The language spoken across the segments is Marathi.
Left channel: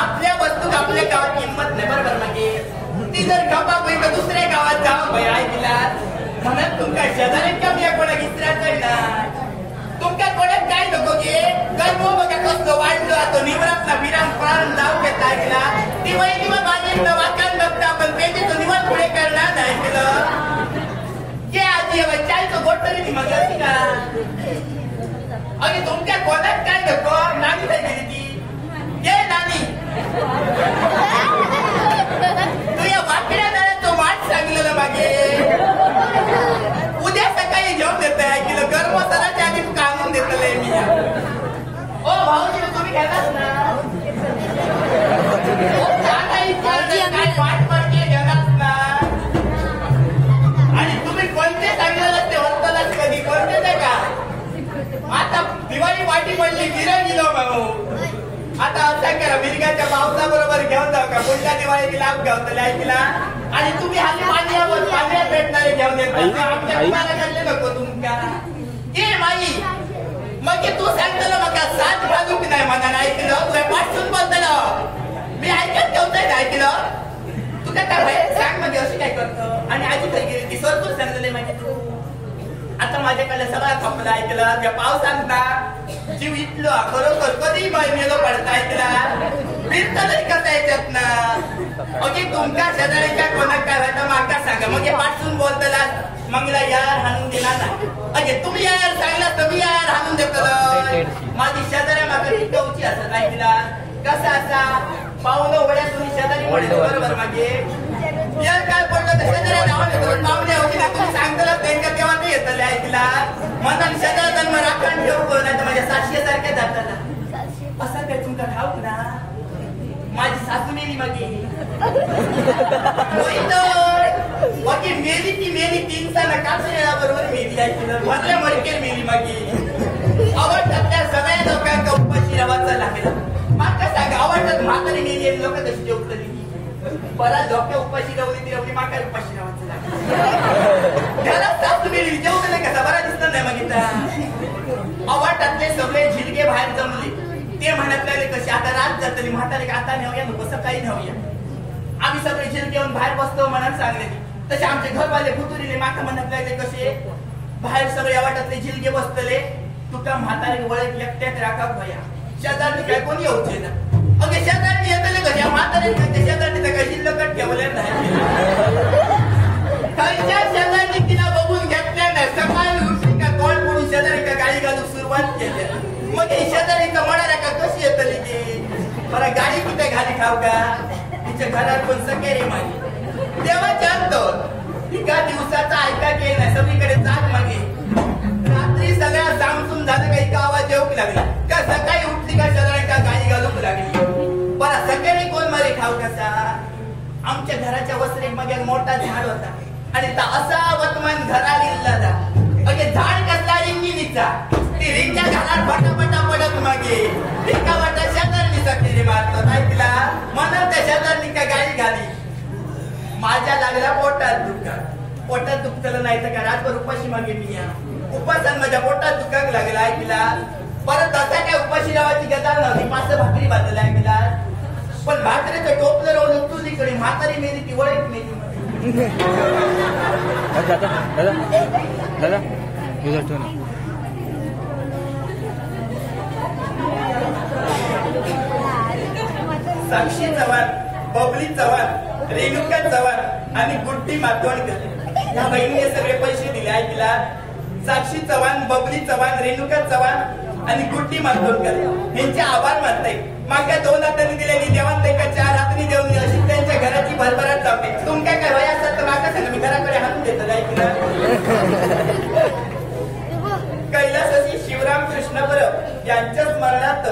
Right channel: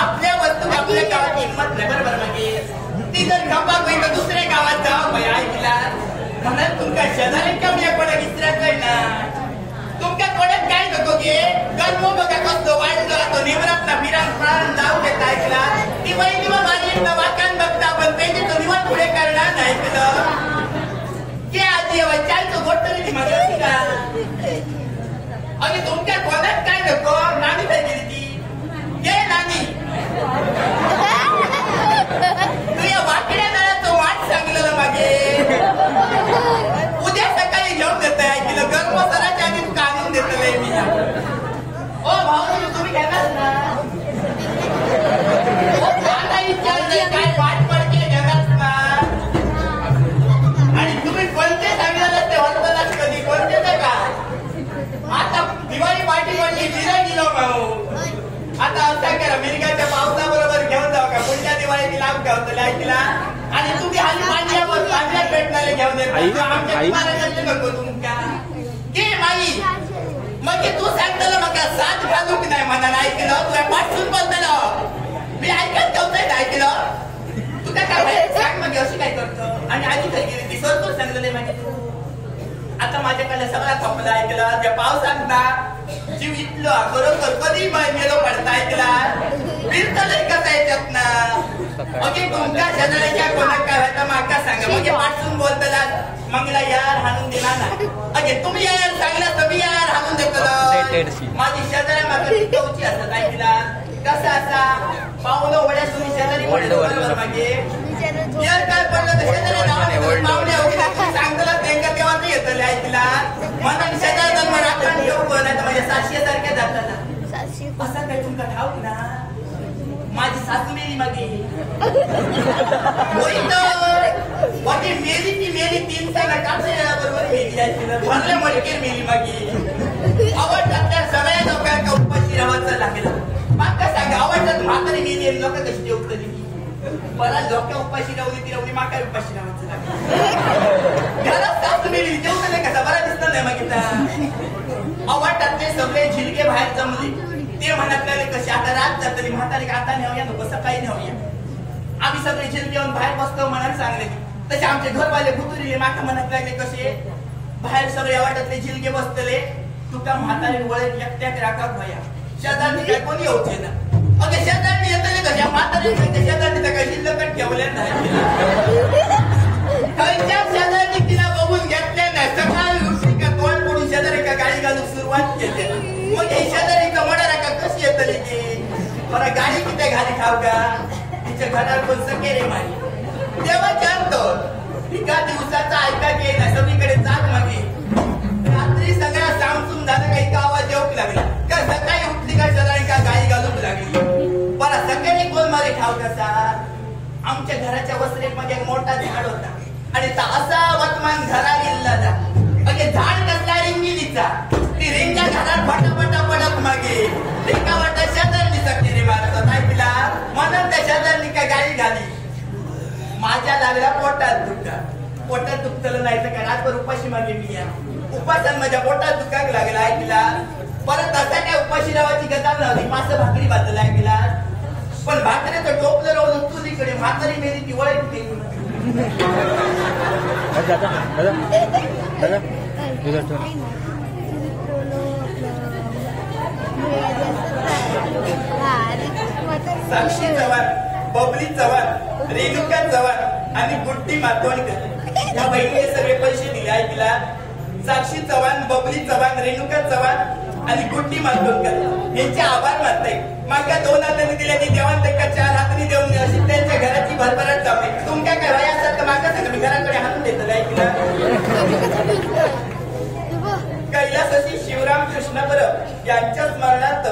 आपल्या वस्तू आपल्या गावात किंमत नाही बरोबर मागे ती जर खपाक होईल तर दुसऱ्या गावात जावं भाई ऐकला म्हणून तुमका शेजाऱ्यांच्या मी कोणाक इस्त्रायचं ना तुमका कोणाक काय नको गे कर्म बघा कसं वाढलं तो निवरात ना बिराम फळान जाऊ घेतला ऐकला ती वहिनी मग माझी वाकान बघता आपण पेंटे तो निवड पुढे करणार नाही ऐकलं के आजी चायचं गोट तरी ती मग होती का अरे तुमच्या कोणाक काय नको नानी काय केली ती ये नानी तू या वाकड्या नळ्यात तो वाट सांगलेलं मागे उद्या सकाळी घेऊन देत ऐकलं गरम मसाल्याच्या आधी काढून देतलंय मी ओ भाऊजी तुम्ही घेणार ना काय वाट पडते घेणार ना आणि तुम्ही कोणते सांगितलं ते वस्तलाच कधी कोणते नाही का आता दिवाळी वाटी पडली गिरा गेलो भाऊ आता असं करा मिरगाच्या पावसाबरोबर घेऊन जाऊ का पुढच्या दिवाळीची लाभ घेऊन ऐकला आणि तुम्ही हाली मांडल्यावर मांडल्या भेटणारे घेऊन येत आमच्या कुमाराकडले नको तुमच्या ए माई मग तू सांगतलं मग साथ घालू की नाही मला ऐकलं तुला पाठवून बोलतलं मी ऐकत नव्हतं ना ऐकलं तू काय बाहेर सांग मग अशी काय करतो आणि आधी काय गेली ती सरतूच सांगलेले मागे तू आता माझ्याकडे सगळा खपला ऐकलं त्या पावसांना जीव इथलो खरोखर कधी मेलो पडता ऐकला फिरतलंय कसं येतात ना मग तुमच्या शेजाऱ्याच्या कोणाक काय होता माका सांगा मग पाठवून बोलतला मंगला यार हाणून दिला ना अगे तुम्ही यार सांगला तुम्ही यार हाणून देतलं माझी शेजाऱ्या माका टिकवची असत ऐकला कसा असा पाहुणं उघड्या तुम्ही शेजारी पडलं बरोबर मागे यार काय पडलं तर शेजाऱ्या नावाने मावल्या होती ना तुम्ही सांगतलं त्यांना तेव्हा ते येतले ऐकला मनाने शेजाऱ्या मला राखण ठेवू नाही तर माझ्या साक्षी सारख्या जाताना असं काय तुमका ठाऊक ना माझी सासू मेली मागे बाकी मेली ती मेली 3 साला कापसा बरोबर मेली ऐकलं भरल्या मडकेर मेली मागे आवडतात त्या सगळ्या लोकांना उपाशी राहायचं लागेल माका सांगा आवडतात म्हातारी मेली लोक कशी जेवतली परत लोक उपाशी राहली ती राहली माका उपाशी राहायचं लागेल घरात सासू मेली जेवतले कसा बरा दिसत नाही मागितला आवडतातले सगळे झिलगे बाहेर जमले ते म्हणत लागले कसे आता रात जातली म्हातारी आता नेऊया नको सकाळी नेऊया आम्ही सगळे झिलगे येऊन बाहेर बसतो म्हणाल सांगले तसे आमचे घरवाले भुतुरीले माका म्हणत लागले कसे बाहेर सगळे वाटातले झिलगे बसतले तुका म्हातारी वळख एकट्यात राखा भया शेजारनी काय कोणी होते ना अगे शेजारनी येतले कशा म्हातारी शेजारनी तर काही शिल्लकच ठेवल्या नाही शेजारनी तिला बघून घेतल्या नाही सकाळी उठली का तोंड पडून शेजारी का गाडी घालून सुरुवात केली मग हे शेजारीचं म्हणा का कशी येतली ती मला गाडी किती घाली खाऊ का तिच्या घरात कोण सके रे माझी तेव्हा जाणतो एका दिवसाचा ऐका की नाही सगळीकडे चाल मागे रात्री सगळ्या सामसून झालं का एका आवाज येऊक लागला का सकाळी उठली का शेजारी का गाडी घालूक लागली बरा सगळ्यांनी कोण मारे ठाव कसा आमच्या घराच्या वस्त्रेक मध्ये एक मोठा झाड होता आणि असा वर्तमान घरा गेला अगे झाड कसला रिंगिणीचा ती रिंगच्या घरात पटापटा पडत मागे रिंगा वाटा शेजारनी सक्ती मारतात ऐकला म्हणून त्या शेजारनी का गाडी घाली माझ्या लागला पोटात दुखतलं नाही तर रातभर उपाशी मागे मी या उपासान माझ्या पोटात दुखाक लागला ऐकला परत तसा काय उपाशी रावाची गजाल नव्हती 5 भाकरी बांधला ऐकला पण भाकरीचं टोपलं राहून उठून तिकडे म्हातारी मेली ती वळख मेली दादा साक्षी चव्हाण, बबली चव्हाण, रेणुका चव्हाण आणि गुड्डी मातोंडकर या बहिणीने सगळे पैसे दिले आहे तिला. साक्षी चव्हाण, बबली चव्हाण, रेणुका चव्हाण आणि गुड्डी मातोंडकर यांचे आभार मानताय. मागच्या 2 हातांनी दिल्याने देवान त्यांना 4 हातांनी देऊन अशी त्यांच्या घराची भरभराट जाते. तुमच्या काय वय असतात तर मागा सांगा, मी घराकडे हाणून देतो काय तिला. कैलासाची शिवराम कृष्ण परब यांच्या स्मरणार्थ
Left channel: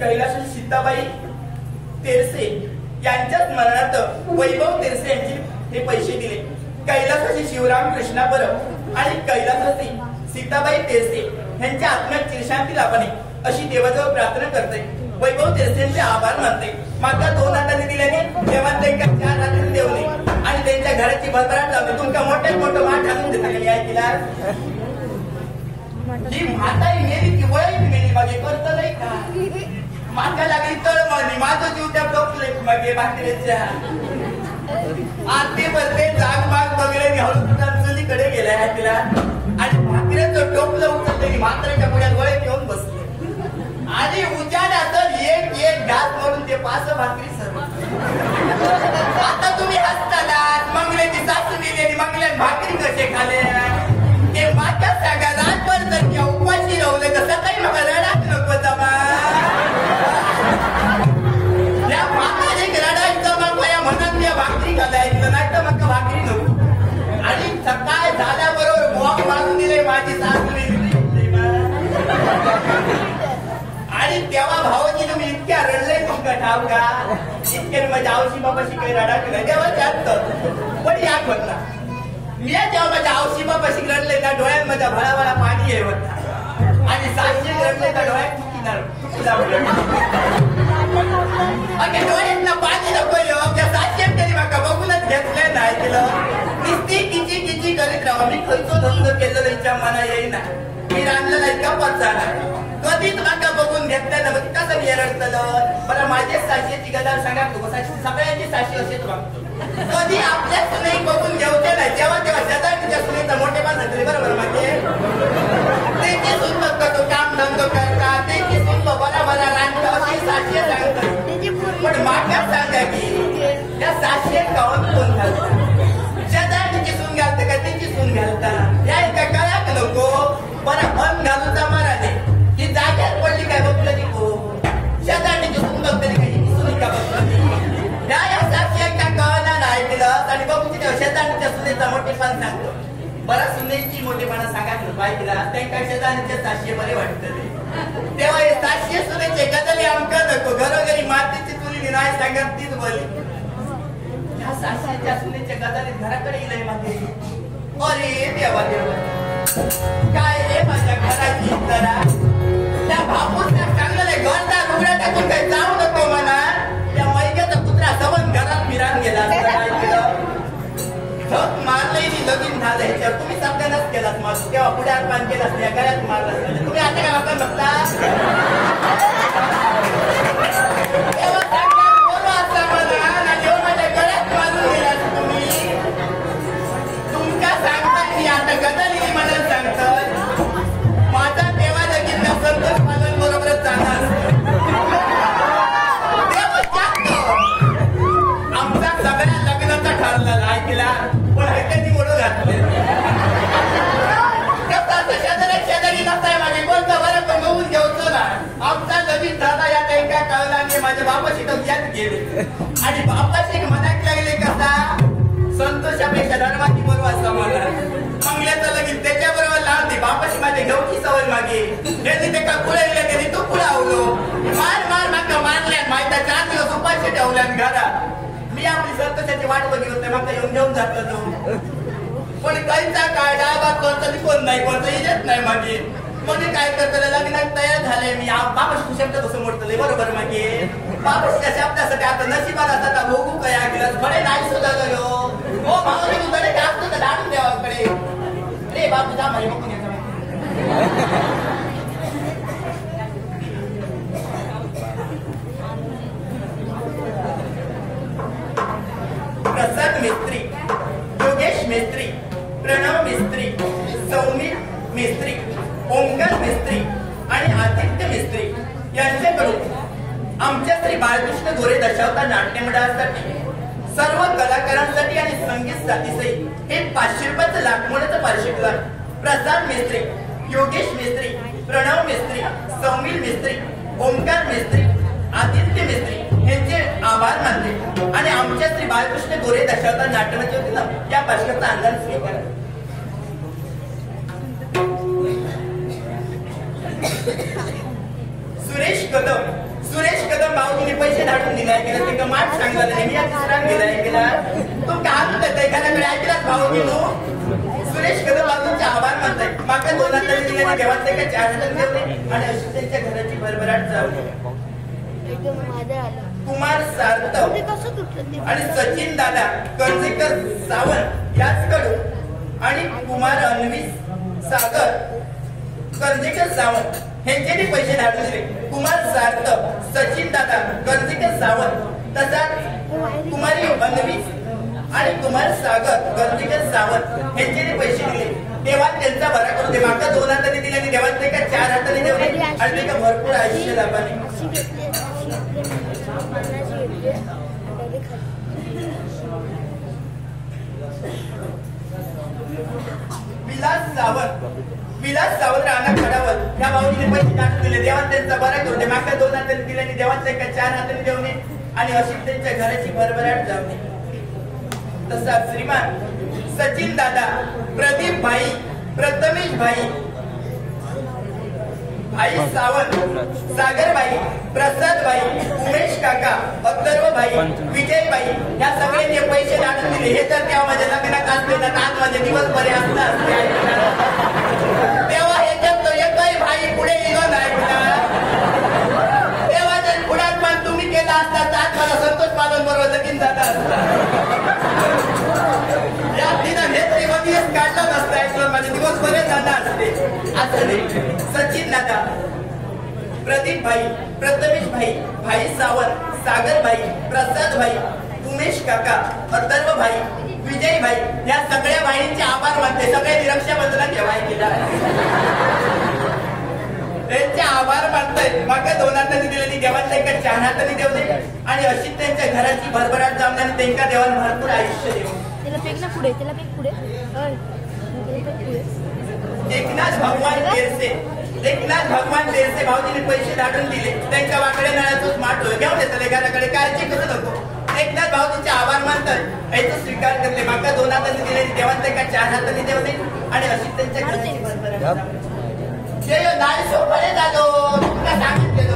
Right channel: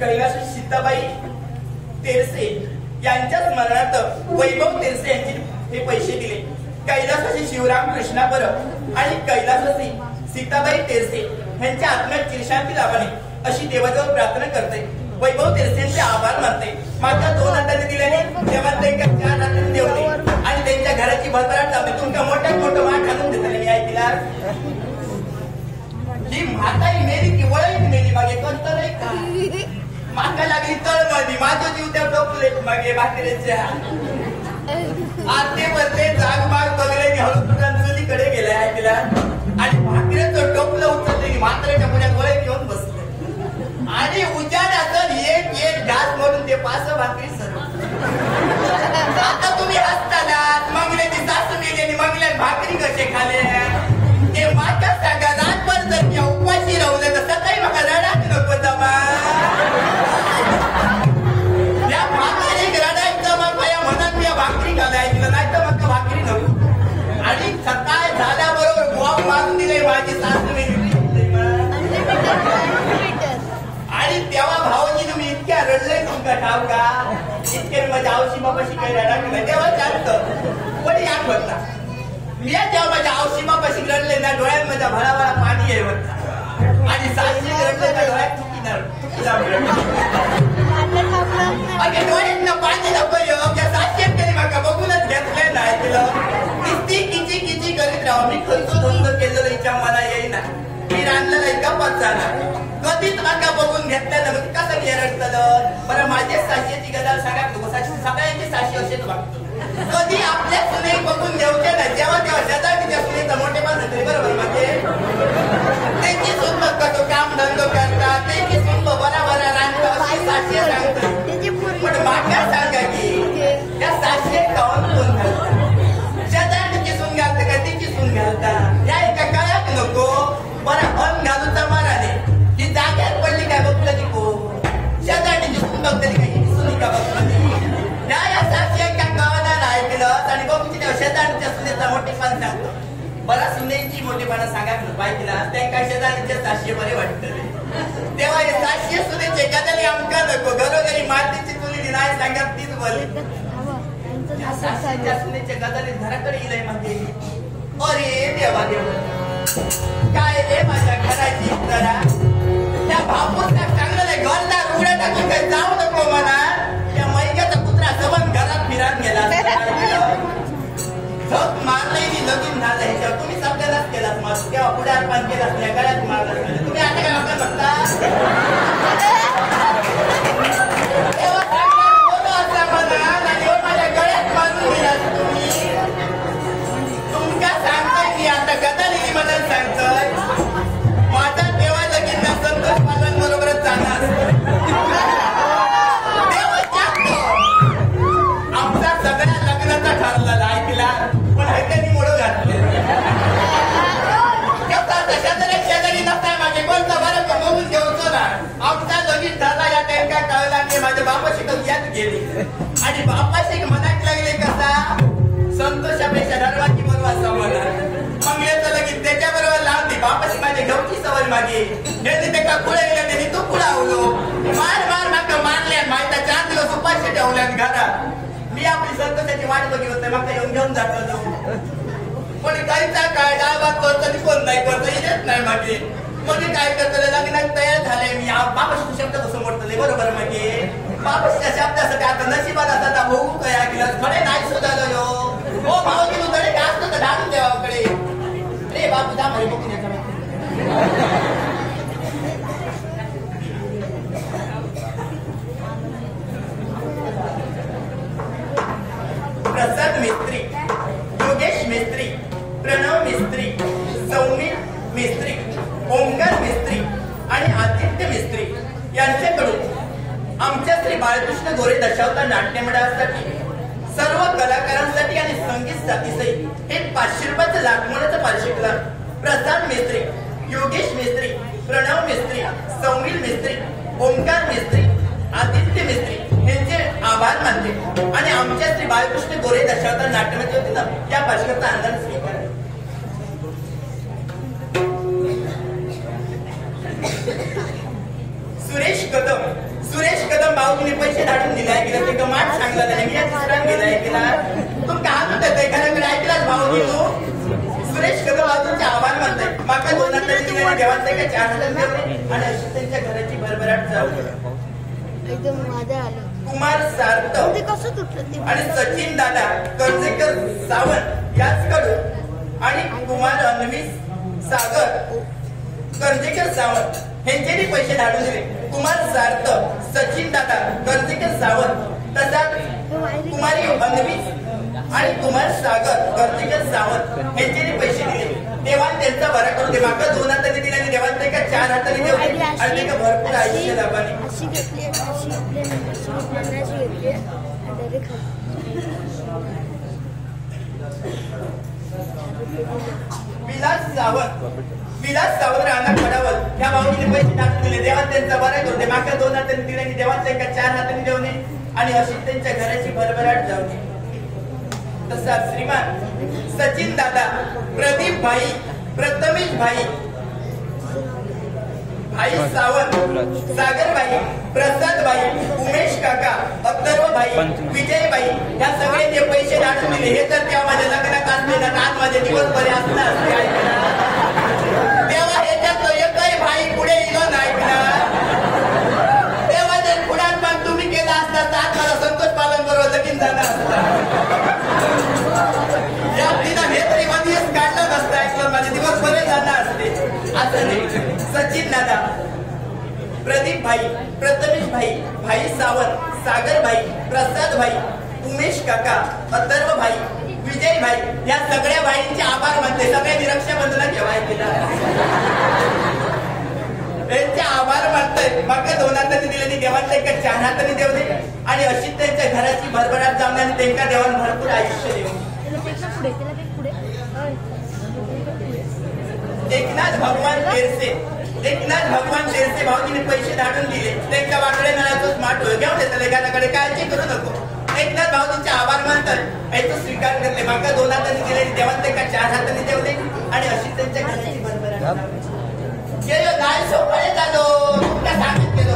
कैलाशी सीताबाई तेरसे यांच्या स्मरणार्थ वैभव तेरसे यांची हे पैसे दिले. कैलासाची शिवराम कृष्णा परब आणि कैलासाची सीताबाई तेरसे यांच्या आत्म्यात चिरशांती लाभणे अशी देवाजवळ प्रार्थना करते. वैभव तेरसेंचे आभार मानते. मागच्या 2 हातांनी दिल्याने तेव्हा त्यांच्या 4 हातांनी देवले आणि त्यांच्या घराची भरभराट लावते. तुमच्या मोठ्यात मोठं मान घालून देतो मी आहे तिला. ही म्हाताई मेली की वळी मेली मागे करत नाही का. मागा लागली तळमळली, माझं जीव त्या डोकले मागे भाकरीच्या आते भरते जाग माग बघले हळून चुलीकडे गेले आहे तिला आणि भाकऱ्याचं टोपलं उचलले म्हाताऱ्याच्या पुढ्यात वळे घेऊन बसले आणि उजाड्याचं एक एक घास म्हणून ते 5 भाकरी सर्व. आता तुम्ही हसतानात मंगल्याची सासू गेली आणि मंगल्यात भाकरी कसे खाले ते माझ्या सांगा. रातभर जर मी उपाशी राहले तर सकाळी मला रडाच नको जमा. या भाकरी रडायचं मग माझ्या मनात मी भाकरी घालायचं नाही तर मग भाकरी नको. आणि सकाळ झाल्याबरोबर बॉम्ब मारून दिले माझी सासू आणि तेव्हा भावाजीनं मी इतक्या रडले तुमका ठाव का. इतके माझ्या आवशी बाबाशी काही रडा केला तेव्हा जास्त पण या होत ना. मी जेव्हा माझ्या आवशी बाबाशी रडले ना डोळ्यात माझ्या भळाभळा पाणी आहे होता आणि साक्षी रडले तर डोळ्यात चुकी डोळ्यात ना पाणी नको त्या साक्षी तरी माका बघूनच घेतलंय नाही तिला. नुसती किची किची करीत राहा. मी खर्च धंदो केलेलं इच्छा मला येईना. मी रांधलेला इतका पत्ता नाही. कधीच माका बघून घेतल्या ना मग कसं मी रडतलं. बरं माझ्या साशीची गजाल सांगा सगळ्यांची साशी असेच वागतो. कधी आपल्या सुने बघून घेऊचे नाही जेव्हा तेव्हा शेजारच्या सुनेचा मोठेपण झाले बरोबर म्हणजे त्यांची सून तो काम धंदो करतात त्यांची सून बरोबर रांधतो अशी साशी सांगतात. पण माका सांगा की त्या साशी काऊन सून घालतात. शेजारची सून घालते का त्यांची सून घालतात या एका काळात नको. बरं मन घालूचा माराने ही जाग्यात पडली काय बघलं की हो शेजारची सून बघतली काय सुनी का बघतली या साक्षी एका गावाला नाही केलं आणि बघूची तेव्हा शेजारच्या सुनेचा मोठेपण सांगतो. बरा सुनेची मोठेपणा सांगा पाहिजे ते काय शेजारीच्या साक्षी बरे वाटतं तेव्हा हे साक्षी सुनेचे गजाली आमका नको. घरोघरी मातीची चुली नाही सांगत तीच बोली. त्या साक्षीच्या सुनेच्या गजाली घराकडे येईल म्हणजे अरे देवा देवा काय रे माझ्या घराची जरा त्या बापूसला चांगलं घरदार उघड्या टाकून काही जाऊ नको म्हणा. त्या मैग्याचा कुत्रा सबन घरात फिरात गेला झक मारलंय लगीन झालं ह्याच्यावर तुम्ही सगळ्यांनाच केलात मग तेव्हा पुढे अर्पण केलास या घरात मारलं पाहिजे. तुम्ही आता काय आपण बघता तेव्हा सांगणार बोलो असा म्हणा आणि जेव्हा माझ्या गळ्यात मारून गेलात तुम्ही तुमच्या सांगताय मी आता गदली मला सांगतोय माझा तेव्हा लगीन संतोष पालन बरोबरच जाणार. आमचा सगळ्या लग्नाचा ठरलेला ऐकला पण त्यांनी मोडून घातले. शेजारी नसताय माझे कोणतं बरं पण बघून घेऊन ना आमचा लगीन झाला या त्यांच्या कळला की माझ्या बापाशी यात गेले आणि बापाशी मनात लागले कसा संतोषापेक्षा धर्माची बरोबर असं मला मंगल्याचं लगीन त्याच्याबरोबर लावली बापाशी माझ्या घेऊची सवय मागे त्यांनी ते का पुढे गेले त्यांनी तू पुढे आवलो मार मार माका मारल्या माहिती 4 दिवस उपाशी ठेवल्यान घरात. मी आपली संतोषाची वाट बघित होते मग येऊन घेऊन जातो तो पण काहीचा काय डाळभात करतो कोण नाही करतो येत नाही मागे. मग काय करतो लग्नात तयार झाले मी बापाशी शब्द कसं मोडतले बरोबर मागे बापाशीच्या शब्दासाठी आता नशिबात असता भोगू काय ऐकलं थोडे नाही सुद्धा गेलो हो भाऊजी तू थोडे घास तर ढालून द्यावाकडे रे बापू जा माहिती बघून प्रसाद मिस्त्री, योगेश मिस्त्री, प्रणव मिस्त्री, सौमित मिस्त्री, ओंकार मिस्त्री आणि आदित्य मिस्त्री यांच्याकडून श्री बाळकृष्ण गोरे दशावतार नाट्य मंडळासाठी सर्व कलाकारांसाठी आणि संगीत साथीसहित एक 500 रुपयाचं लाखमोलाचं पारितोषिक प्रसाद मेस्त्री, योगेश मेस्त्री, प्रणव मेस्त्री, सौमिल मेस्त्री, ओमकार मेस्त्री, आदित्य मेस्त्री यांचे आभार मानते आणि आमच्या श्री बाळकृष्ण गोरे दशावतार नाट्यमंच वतीनं या पारितोषिकाचा अंदाज स्वीकार. सुरेश कदम भाऊजीने पैसे धाडून दिलाय गेला ते गमाट सांगला नाही या दुसरा गेलाय गेला तू का तू त्या घराकडे ऐकलास भाऊजी तू सुरेश कदम भाऊजींचे आभार मानताय माका 2000 दिल्याने देवात का 4000 देवले आणि अशी त्यांच्या घराची भरभराट जाऊ. कुमार सार्थव आणि सचिन दादा कर्जेकर सावंत याचकडून आणि कुमार अन्वी सागर कर्जेकर सावंत यांच्यानी पैसे धाडून दिले. कुमार सार्थव, सचिन दादा कर्जेकर सावंत तसाच कुमारी अन्वी आणि कुमार सागर कर्जेकर सावंत यांच्यानी पैसे दिले. देवान त्यांचा बरा करू दे. माका 2 हाताने दिले आणि देवान ते का 4 हाताने देवले आणि ते का भरपूर आयुष्य लाभाने. विलास सावंत राणा खडावत या भाऊजीने पैसे टाकून दिले. देवान त्यांचा बरा करू दे. माका 2 हाताने दिले आणि देवान ते का 4 हाताने देवणे आणि अशी त्यांच्या घराची भरभराट जाऊ. तसा श्रीमान सचिन दादा, प्रदीप भाई, प्रथमेश भाई, भाई सावंत, सागर भाई, प्रसाद भाई, उमेश काका, अथर्व भाई, विजय भाई या सगळ्यांचे पैसे धाडून दिले. हे तर तेव्हा माझ्या लग्नात असले ना आज माझे दिवस बरे असणार तेव्हा ह्याच्यात एकही भाई पुढे गेलो नाही तेव्हा जर पुढात पण तुम्ही केला असता तर आज मला संतोष पालन बरोबर लगीन झाला असता. या दिना हे तरी दिवस काढला नसता ऐकलं माझे दिवस बरे जाणार असते असं नाही. सचिन दादा, प्रदीप भाई, प्रथमेश भाई, भाई सावंत, सागर भाई, प्रसाद भाई, उमेश काका, अथर्व भाई, विजय भाई या सगळ्या भाईंचे आभार मानते. सगळ्यांनी रक्षाबंधनात जेवाय केला त्यांचे आभार मानताय. माका 2 हातांनी दिले आणि देवान त्यांना 4 हातांनी देवले आणि अशी त्यांच्या घराची भरभराट जाऊन आणि त्यांच्या देवान भरपूर आयुष्य देऊ. एकनाथ भगवान तेरसे भाऊजीने पैसे धाडून दिले. त्यांच्या वाकड्या नळाचं स्मार्ट होय घेऊन देतात एखाद्याकडे काळजी करू नको. एकनाथ भाऊजींचे आभार मानतात याचा स्वीकार करते. माका 2 हातांनी दिले देवान त्यांना 4 हातांनी देवले आणि अशी त्यांच्या घराची भरभराट नाही सोपळे झालो तुमका सांगितलेलो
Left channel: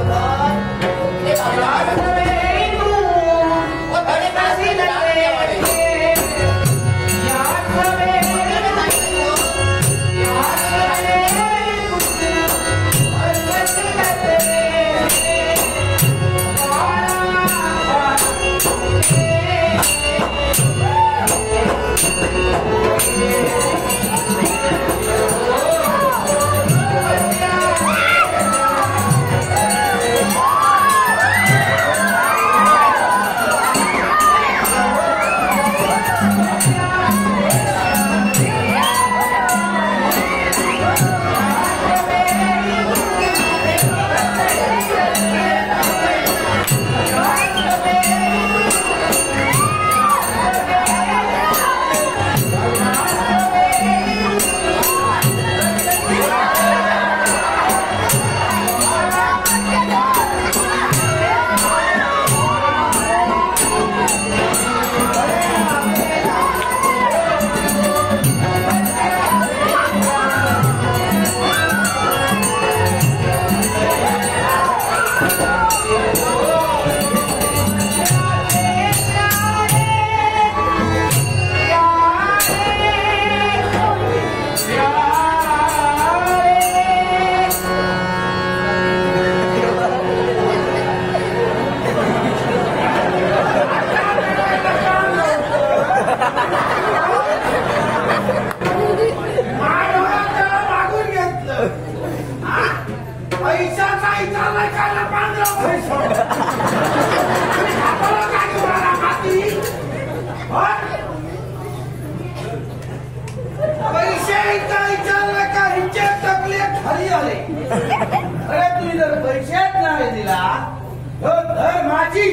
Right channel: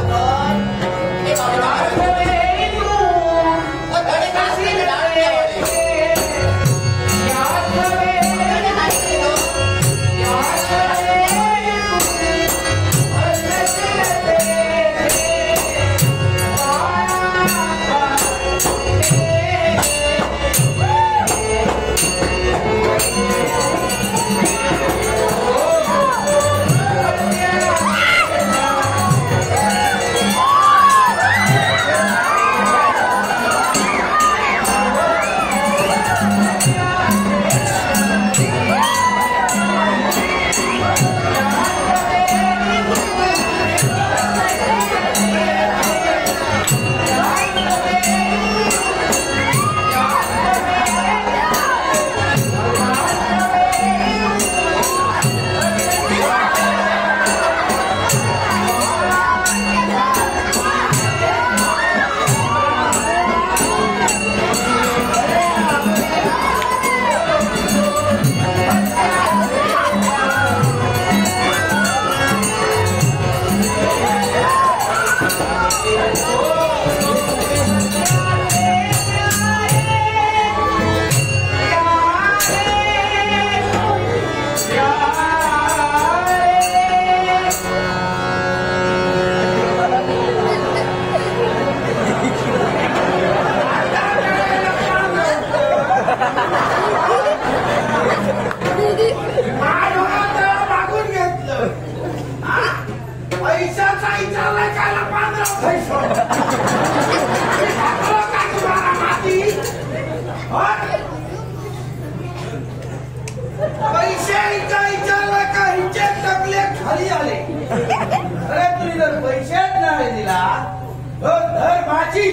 माझी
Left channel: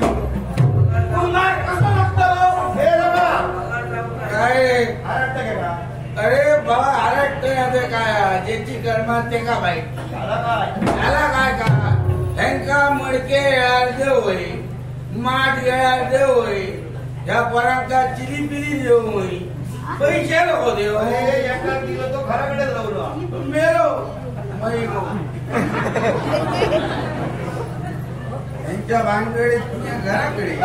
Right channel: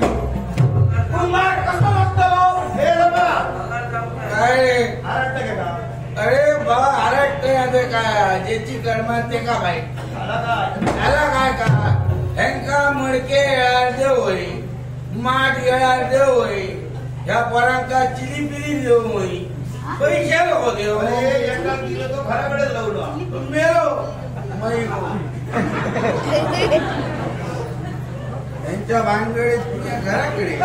कुमार कसं लागतं अरे बा आरटते काय ज्याची कर्मा ते का बाई त्याला काय का ह्यांका मडके येळार देव होई माठ येळार देव होई ह्या पोरांका चिली पिली देव होई पैसे नको देव दिलं तो घराकडे लावलो मेरो त्यांच्या भानगडीत तुझ्या घराकडे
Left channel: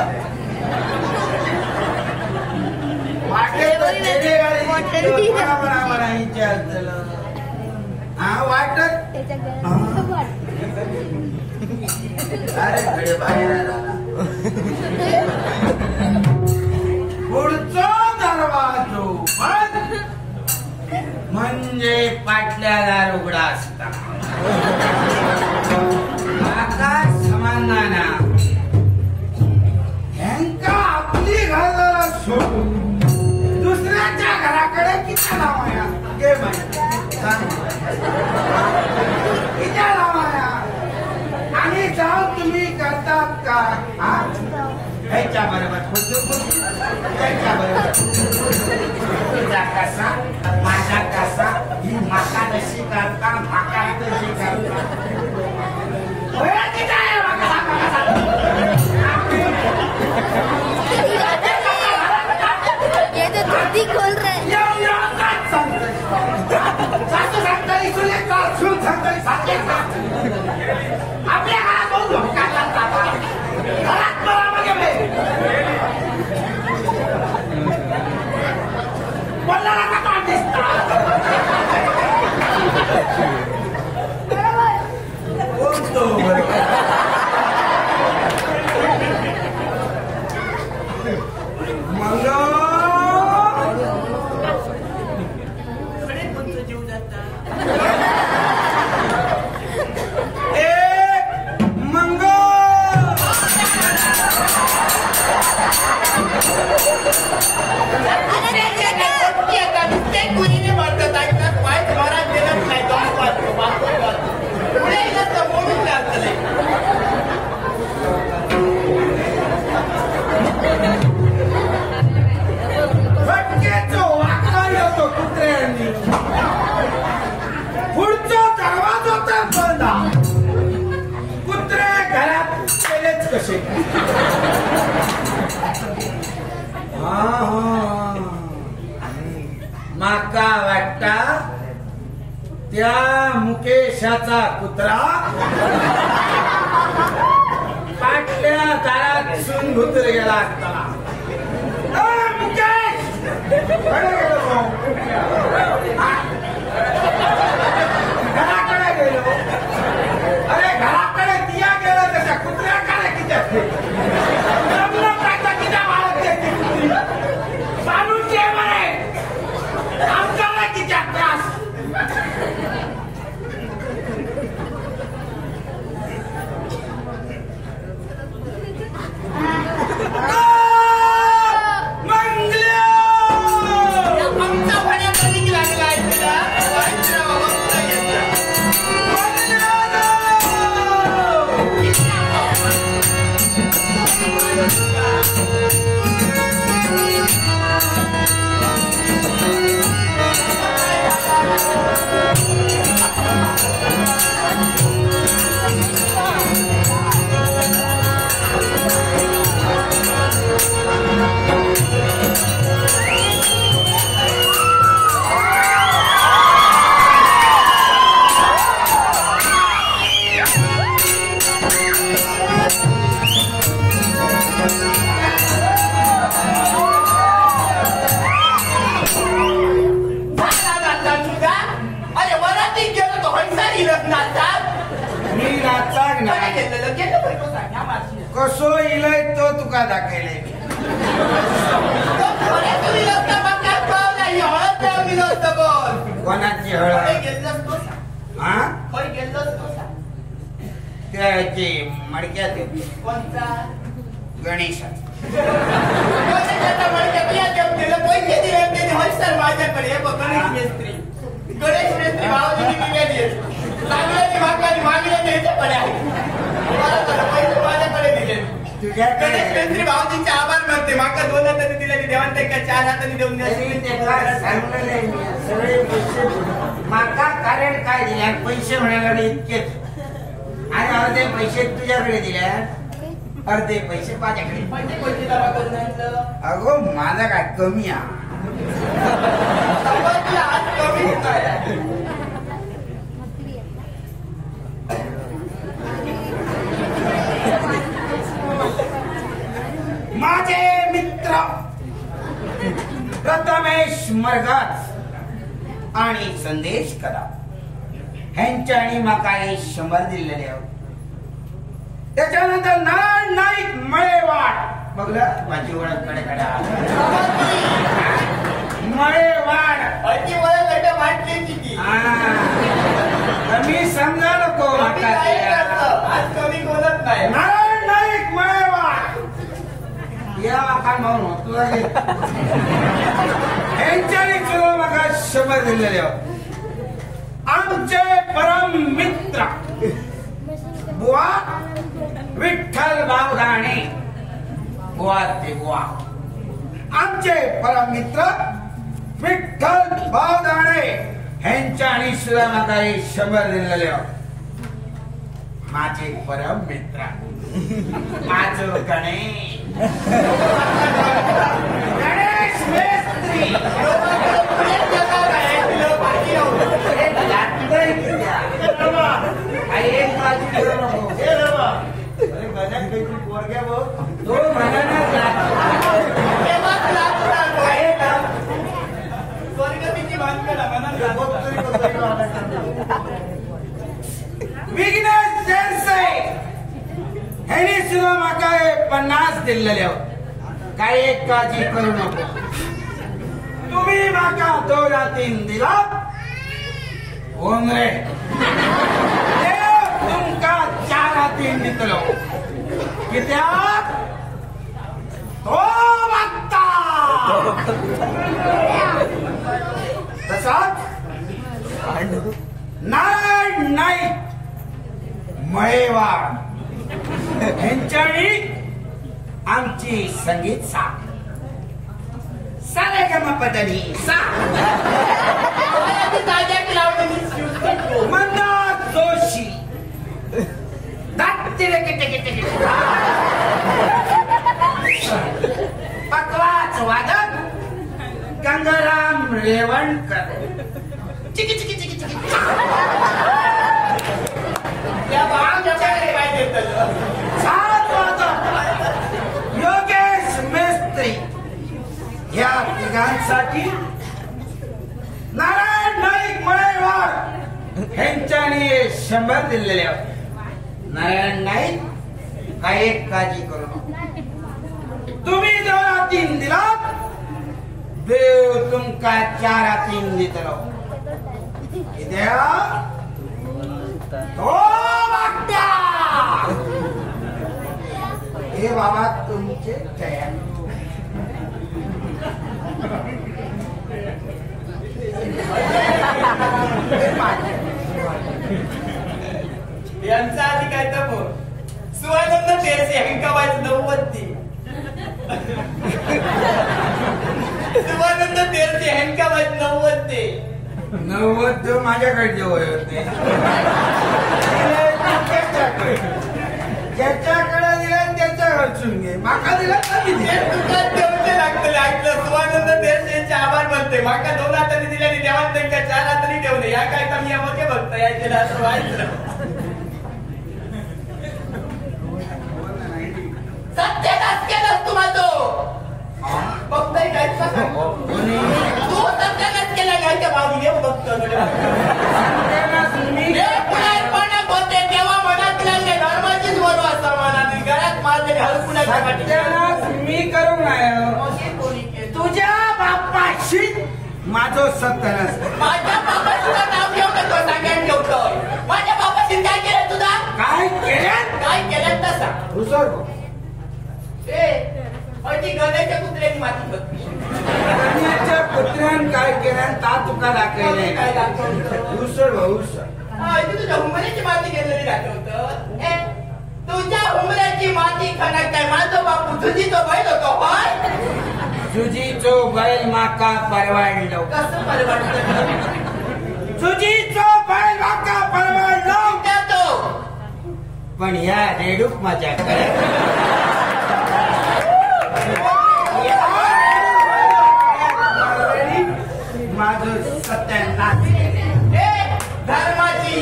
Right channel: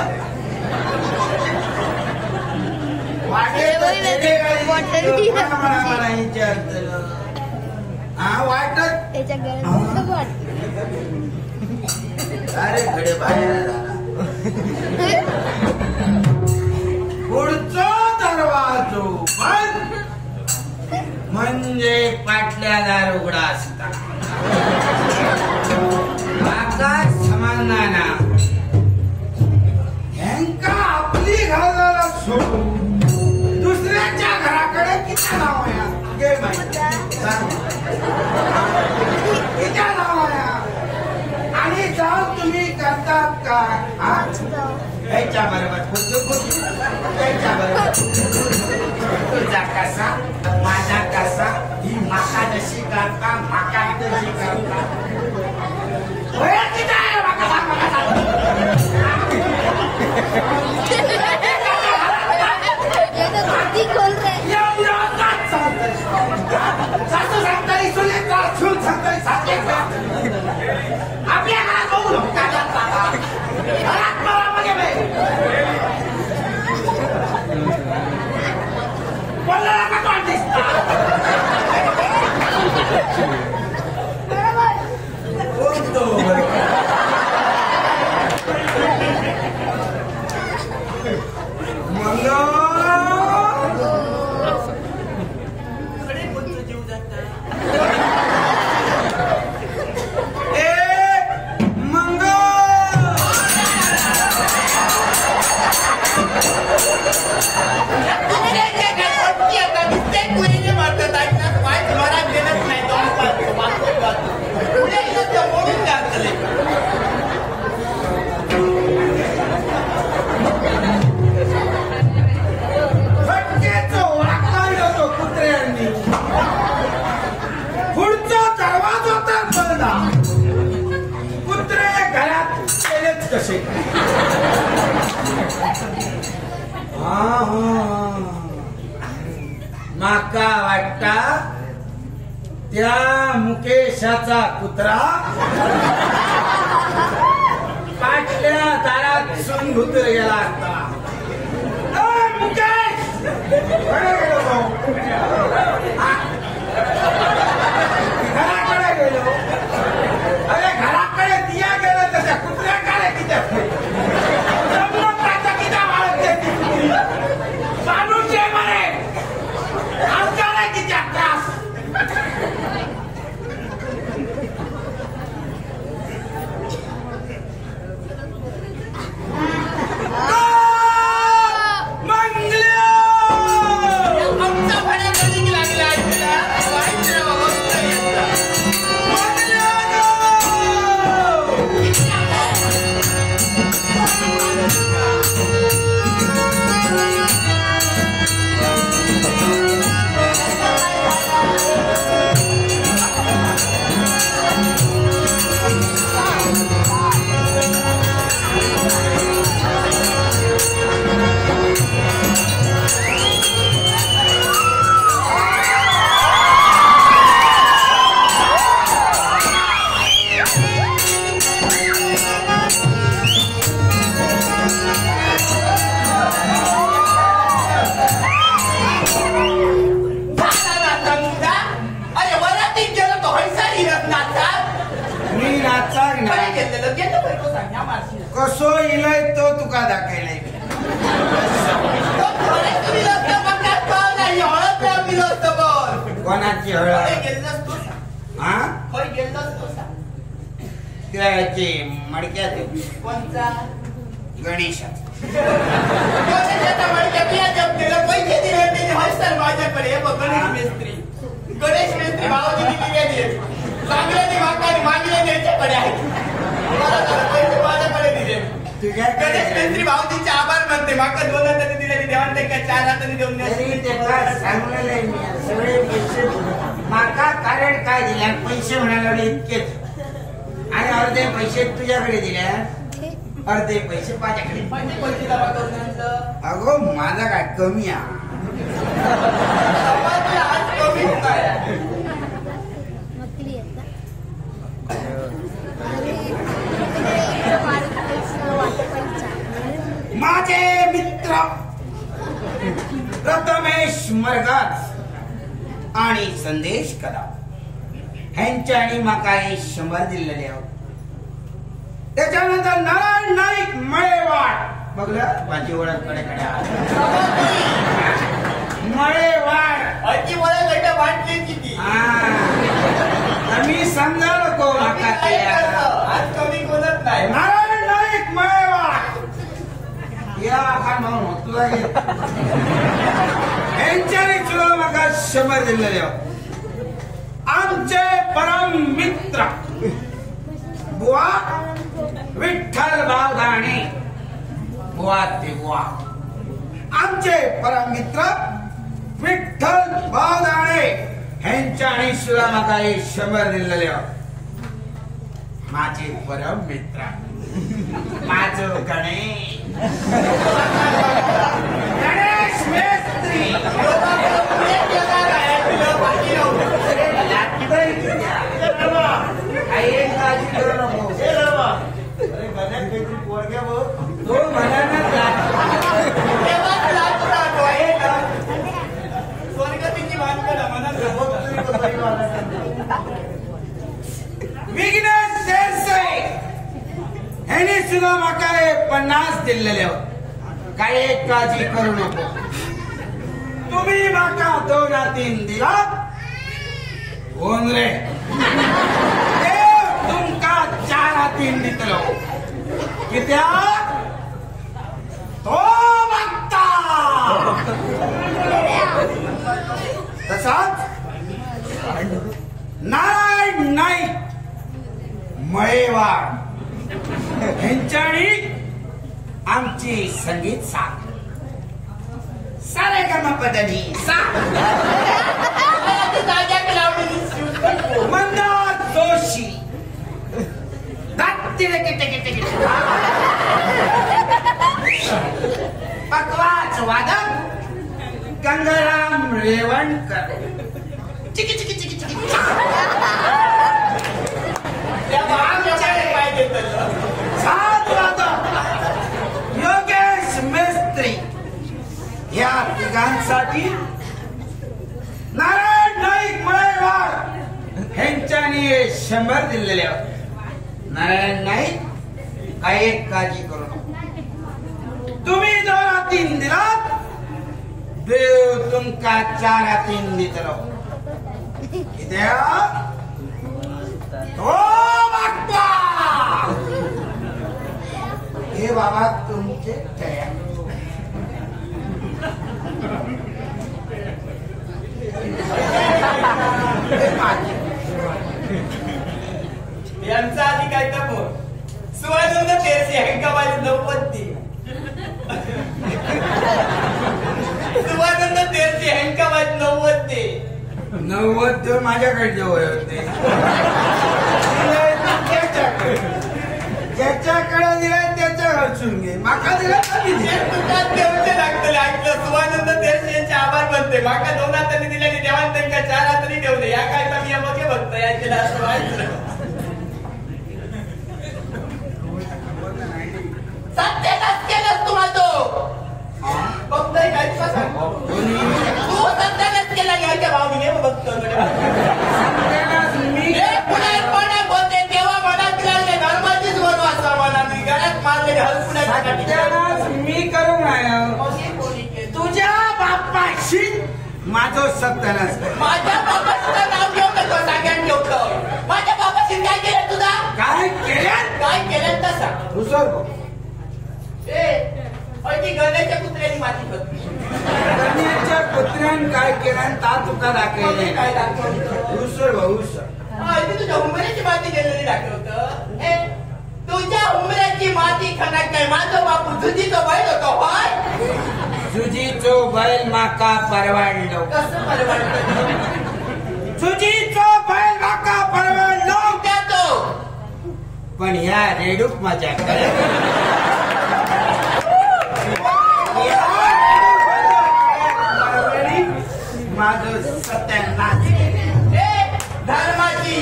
मला विचारत हा वाटत अरे घडे बाहेर पुढचा दरवाजो बंद म्हणजे पाटल्या दार उघडा असता आकाश समाधाना ह्यांका आपली घराला सोडून दुसऱ्याच्या घराकडे किती लावाया गे किती लावाया आणि जाऊन तुम्ही करतात का ह्याच्या बरोबर त्याच्या बरोबर तुझा कसा माझा कसा ही माका जशी करता माका तशी करता आपल्या घरात बघू घरात मला मागे बोलला का कोण दिसता बोलतो मंग जीव जाता पुढचा दरवाजा तर बंदा कुत्रे घरात गेलेच कसे माका वाटता त्या मुकेशाचा कुत्रा पाटल्या दारात सून घुतर गेला असता मुकेश घराकडे गेलो अरे घराकडे दिया गेलो तर त्या कुत्र्याकडे किती किती वाळत ती कुत्री चालूचे म्हणे आमच्याला किती त्रास कसो इलाय तो तुका दाखयलाय कोणाची हळद हा खंय गेल्लोच तो त्याची मडक्यात कोणचा गणेशा पैसे दिले हयसर माझ्याकडे हे बघ गणेश मेस्त्री भावाची किती लागले ते मागले त्याच्याकडे आहे पैसे तुझ्याकडे गणेश मिस्त्री भाऊजींचे आभार मानते. माका 2 हातांनी दिले की देवान त्यांना 4 हातांनी देऊन द्या. सांगलेलं आहे मी, सगळे पैसे माका कारण काय दिल्या पैसे म्हणायला इतकेच आणि अर्धे पैसे तुझ्याकडे दिल्या अर्धे पैसे माझ्याकडे. पैसे जमा करून आणलं. अगो माझा काय कमी आहे आज कमी काय माझे मित्र प्रथमेश मरगाज आणि संदेश कदम ह्यांच्यानी म्हाका 100 दिलेले आहोत. त्याच्यानंतर नारायण नाईक मळेवाड बघलं माझी ओळख कडे मळेवाड अति वळण गट वाटली किती मी समजा नको म्हाका ते आज कमी बोलत नाही. नारायण नाईक मळेवाड या काय म्हणून होतो यांच्यानी सुद्धा म्हाका 100 दिलेले आहोत. आमचे परम मित्र बुवा विठ्ठल बावधाणे बुवा ते बुवा आमचे परम मित्र विठ्ठल बावधाणे ह्यांच्यानी सुद्धा म्हाका 100 दिलेले आहोत. माझे परम मित्र माझो गणेश मेस्त्री तो म्हणाना स्वर्गतीची बांधकाला विघ्नेश शेरसे ह्याने सुद्धा म्हाका 50 दिलेले आहोत. काय एक काळजी करू नको. तुम्ही म्हाका 2 रातीन दिलात रे देव तुमका 4 रातीन दितलो. कित्याक तो मागता. तसाच नारायण नाईक मळेवाड ह्यांच्यानी आमची संगीत साथ सारेगमपदनी मंदार जोशी पकवाच वादक गंगाराम रेवणकर चिकी चिकी चिकी चिकी सात वादक योगेश मेस्त्री या तिघांसाठी नारायण नाईक मळेवाड ह्यांच्यानी 100 दिलेले आहोत. नारायण नाईक काय एक काळजी करू नको. तुम्ही 2 रातीन दिलात देव तुमका 4 रातीन दितलो. कित्याक तो वागता. हे बाबा तुमचे जया. यांचा आधी काय तर बोल सुवानंद तेरचे हंकाबाई 90 सुवानंद तेरचे हंकाबाई 90 माझ्याकडे जवळ होते. ज्याच्याकडे दिला त्याच्या खर्चून घे. माका दिला लागतं ऐकलं. सुवानंद तेरचे आभार मानते. माका 2 हातांनी दिल्याने देवान त्यांना 4 हातांनी देऊ दे. या काय तर मी बघे बघता यायचे असं व्हायचं. सत्यानाश केलास तुम्हा तो बघताय काय तू सत्यानाश केला घ्यायच्या भावनीने बघतो पुण्यात होते तेव्हा मनात लागले धर्माचीच बरोबर असं मनात गळ्यात मारले हलपुण्यासाठी मी करू नये. तुझ्या बापाशी माझं सत्यानाश. माझ्या बापाशी नाव घेऊ नको सगळ्यांनी ठेवतो. माझ्या बापाशी काय केलं तुझा काय केलं काय केलं तसा दुसर ती गण्याच्या कुत्र्याची माती बघली. गण्याच्या कुत्र्यान काय केलं ता तुका दाखवले काय दाखवतं हुसर हुसर तुझ्या हुंबऱ्याची माती गेलेली दाखवतं. तुझ्या हुंबऱ्याची माती ती खनाक काय माझो बापू तुझीचो बैल होतो होय तुझीचो बैल माका परवडलो कसं परवडलं तुझीचो बैल माका परवडलो त्यातो पण ह्या रेडूक माझ्याकडे माझं सत्यानाश धर्माची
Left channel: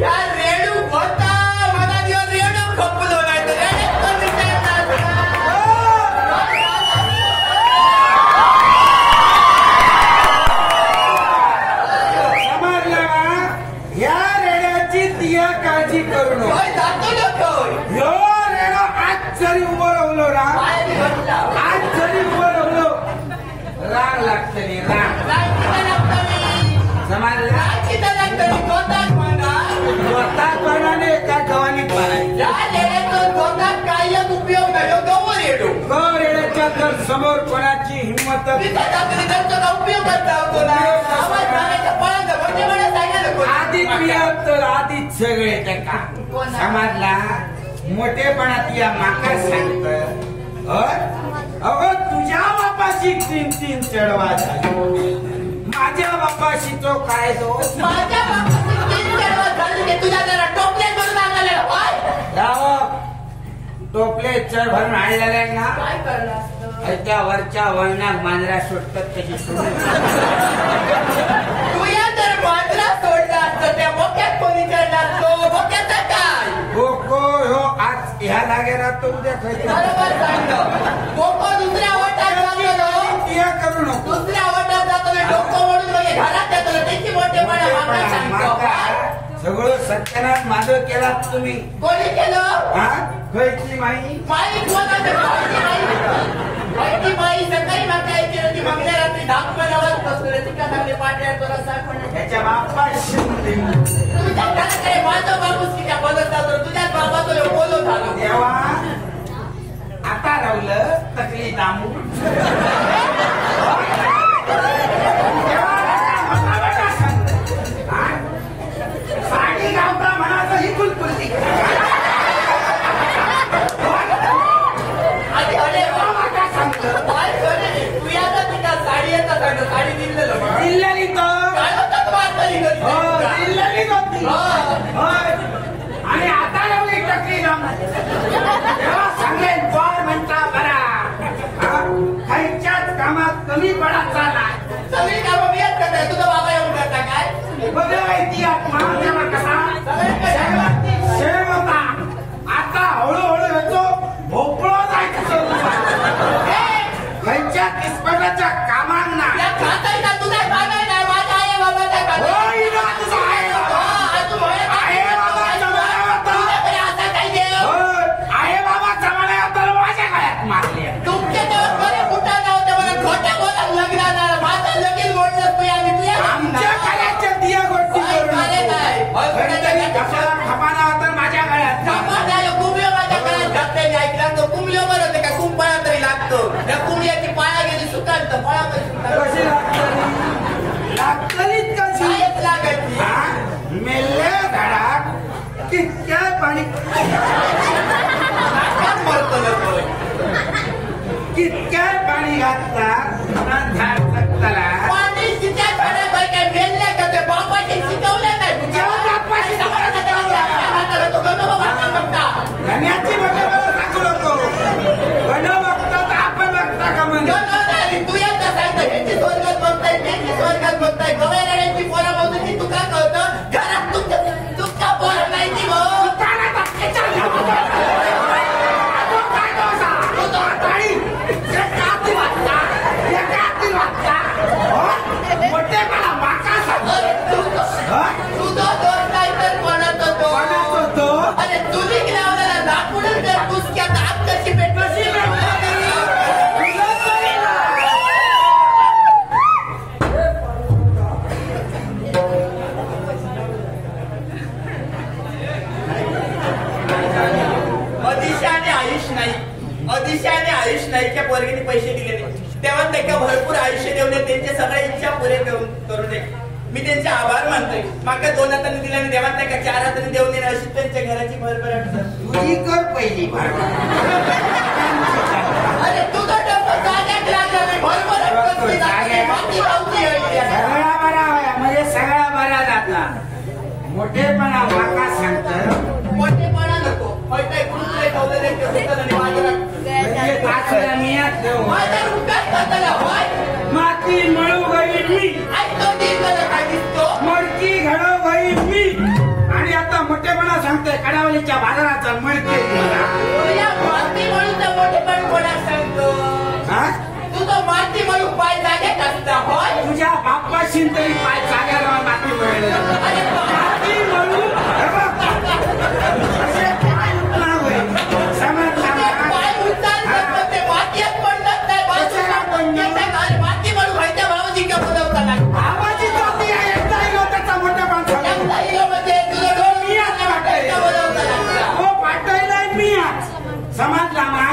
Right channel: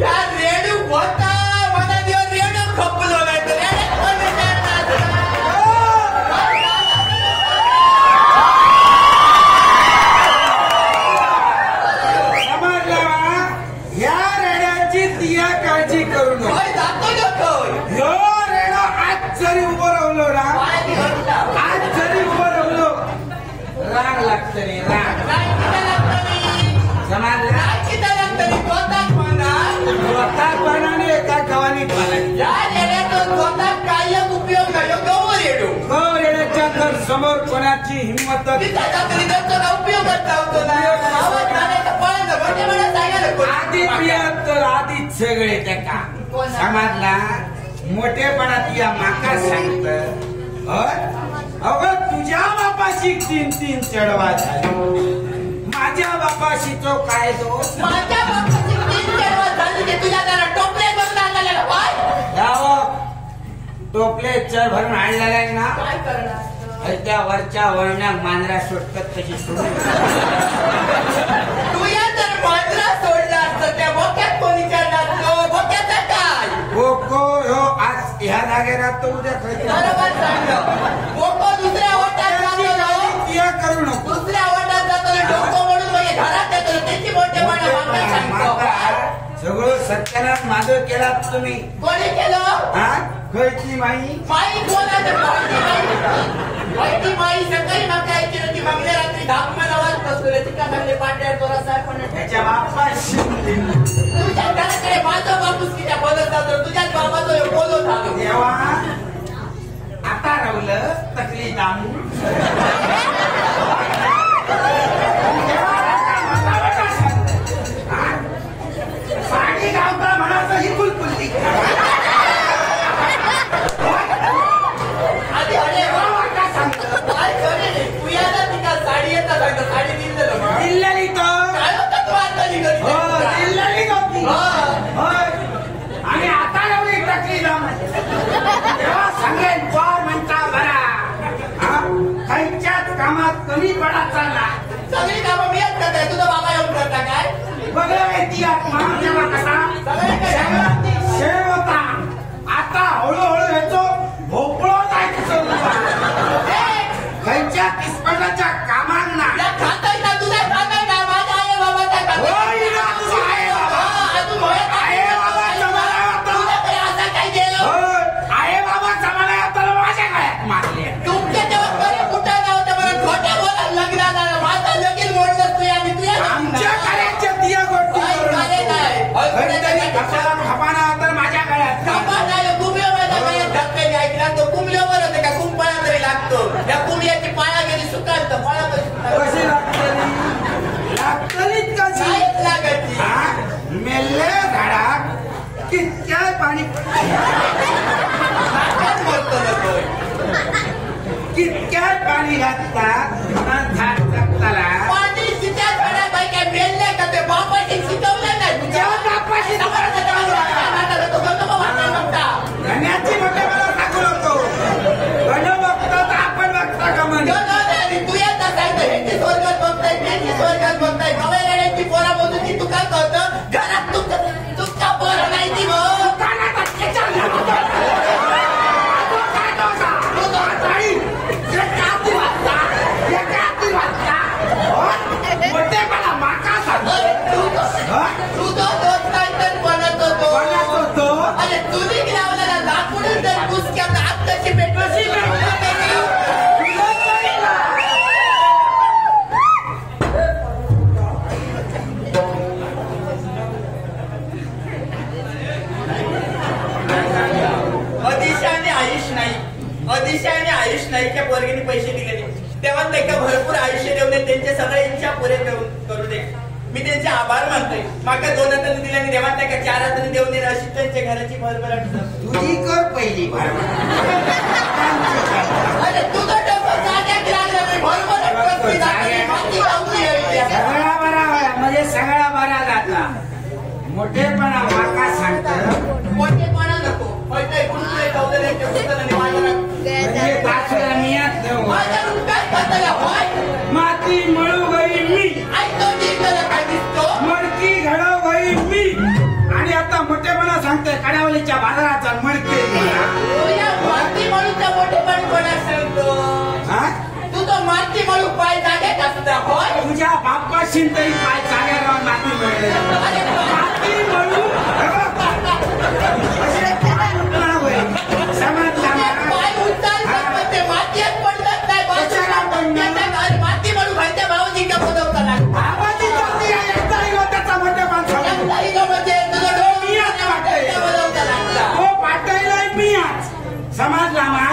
या रेणू होता मला दिवस रेणू खपलो नाही तर ह्या रेड्याची तिया काळजी करू नको ह्यो रेडो आज जरी उभं राहिलो ना आज जरी उभं राहिलो राग लागतं नाही राग समजला स्वतःपणाने एका गव्हाणी उपयोग नाही रेड्याच्या तर समोर कोणाची हिंमत उपयोग करता आधी पियत तर आधीच सगळे त्याका समाजला मोठेपणात या माका सांगत अगं तुझ्या बापाशी 3 चढवा झाली माझ्या बापाशी तो काय दोष माझ्या बापाशी 3 चढवा झाली तुझ्या त्याला टोपले भरून आणलेला टोपले चढ भरून आणलेला आहे ना काय करणार त्या वरच्या वळणात मांजरा सुटतात तशी सोडून तुझ्या तर मांजरा सोडला असतं त्या बोक्यात कोणी करणार तो बोक्याचा काय हो आज ह्या जागेवर राहतो उद्या बरोबर सांगलं बोको दुसऱ्या वाटात तिया करू नको दुसऱ्या वाटात जाताना डोकं मोडून म्हणजे घरात येतो त्याची मोठेपणा सगळं सत्यानाश माझं केलात तुम्ही कोणी केलं हा खयची माई माई कोणाचं माहिती माई सकाळी मागच्या यायची होती मागल्या रात्री 10 आवाज बसलो तिका मागले पाट्या तो रस्ता पण त्याच्या बापाशी तुझ्या घराकडे माझं बापूस किती बदल जातो तुझ्याच बाबाचं बोलो झालो देवा आता रावलं तकली दामू साडी गावता म्हणाचं ही कुलकुल्ली आधी अरे का सांगतं काय करे तू याचा तिका साडी येतात सांगतं साडी दिलेलं दिल्लेली तर काय होतं वाटली दिल्लेली होती आणि आता लावली टकली दामू तेव्हा सांगेन बॉल म्हणता बरा खायच्याच कामात कमी पडा चालला सगळी कामं मी करताय तुझा बाबा येऊन करता काय बघाय ती आत्मा तेव्हा कसा शेव होता आता हळूहळू येतो भोपळो जायचं खायच्या किस्मताच्या कामांना खाताय ना तुझा खाताय ना माझा आहे बाबाचा तुझा आहे बाबा तुझ्याकडे असा काय देव आहे बाबा जमाला तर माझ्या गळ्यात मारले तुमच्या तेव्हा बरं कुठं नव्हतं मला खोट्या बोला लग्नाला माझं लगीन म्हणलं तू आणि तुझ्या आमच्या गळ्याच्या दिया गोष्टी खपाना तर माझ्या गळ्यात कुंभ्या माझ्या गळ्यात घातलेली ऐकला तो कुंभल्या बरं होते का कुंभाळा तरी लागतो त्या कुंभ्याची पाया गेली सुकाल तर पाया कशी लागतलीच कशी लागायची मेल्ले झाडाक कितक्या पाणी बोलतो ना कितक्या पाणी घातला झाड जगताला पाणी तिच्या झाडापैकी मेलल्या का ते बापाशी शिकवलं नाही तुझ्या बापाशी गण्याची मोठे मला सांगू नको गण बघतो तर आपण बघता का म्हणजे तू येत असायचं ह्यांची स्वर्गात बघताय त्यांची स्वर्गात बघताय गवळ्याची पोरा बघून ती तुका कळतं घरात तुमच्या पोरं नाही ती मोठे मला माका सांग तुझा दोष नाही तर बनत होतो अरे तुझी लावलेला दाखवून तर कुसक्यात आत कशी पेटवशी अतिशयाने आयुष नाईकच्या पोरगीने पैसे दिले तेव्हा त्यांना भरपूर आयुष्य देऊन त्यांच्या सगळ्या इच्छा पुरे करू दे मी त्यांचे आभार मानतोय. माका 2 हातांनी दिल्याने देवात नाही का 4 हातांनी देऊन देणे अशी त्यांच्या घराची भरभर अडचण. तुझी कर पहिली भरभर. अरे तुझा डबा जाग्यात लागला नाही. भरभर अडचण माती लावली आहे. सगळा बरा म्हणजे सगळा बरा जाता. मोठेपणा माका सांगत मोठेपणा नको. म्हणजे कुठले ठेवलेले ठेवतात आणि बाजारात म्हणजे तासला मियात देऊ. बाजार उठाच खाताला होय. माती मळू गई मी, ऐकतो ती करत काय दिसतो. मडकी घडव गई मी. आणि आता मोठेपणा सांगतोय कडावलीच्या बाजाराचा मडके मला. तुला माती म्हणून मोठेपण कोणाला सांगतो. हा? तू तो माती म्हणून पाय जाग्यात असता होय. तुझ्या बाप्पाशी तरी पाय जाग्या राहून माती मिळेल. अरे माती म्हणून पाय उचलतात पण ते मातीत पडतात नाही. बाजूला माती म्हणून खायच्या भावाची का बोलवता लागतो. आवाजी जाती आहे एकदा त्याचा मोठेपण सांगतो. म्हणजे तुला दोन मी आता वाटायला बोलवता लागता. हो पाठवलाय मी आज समजला मा.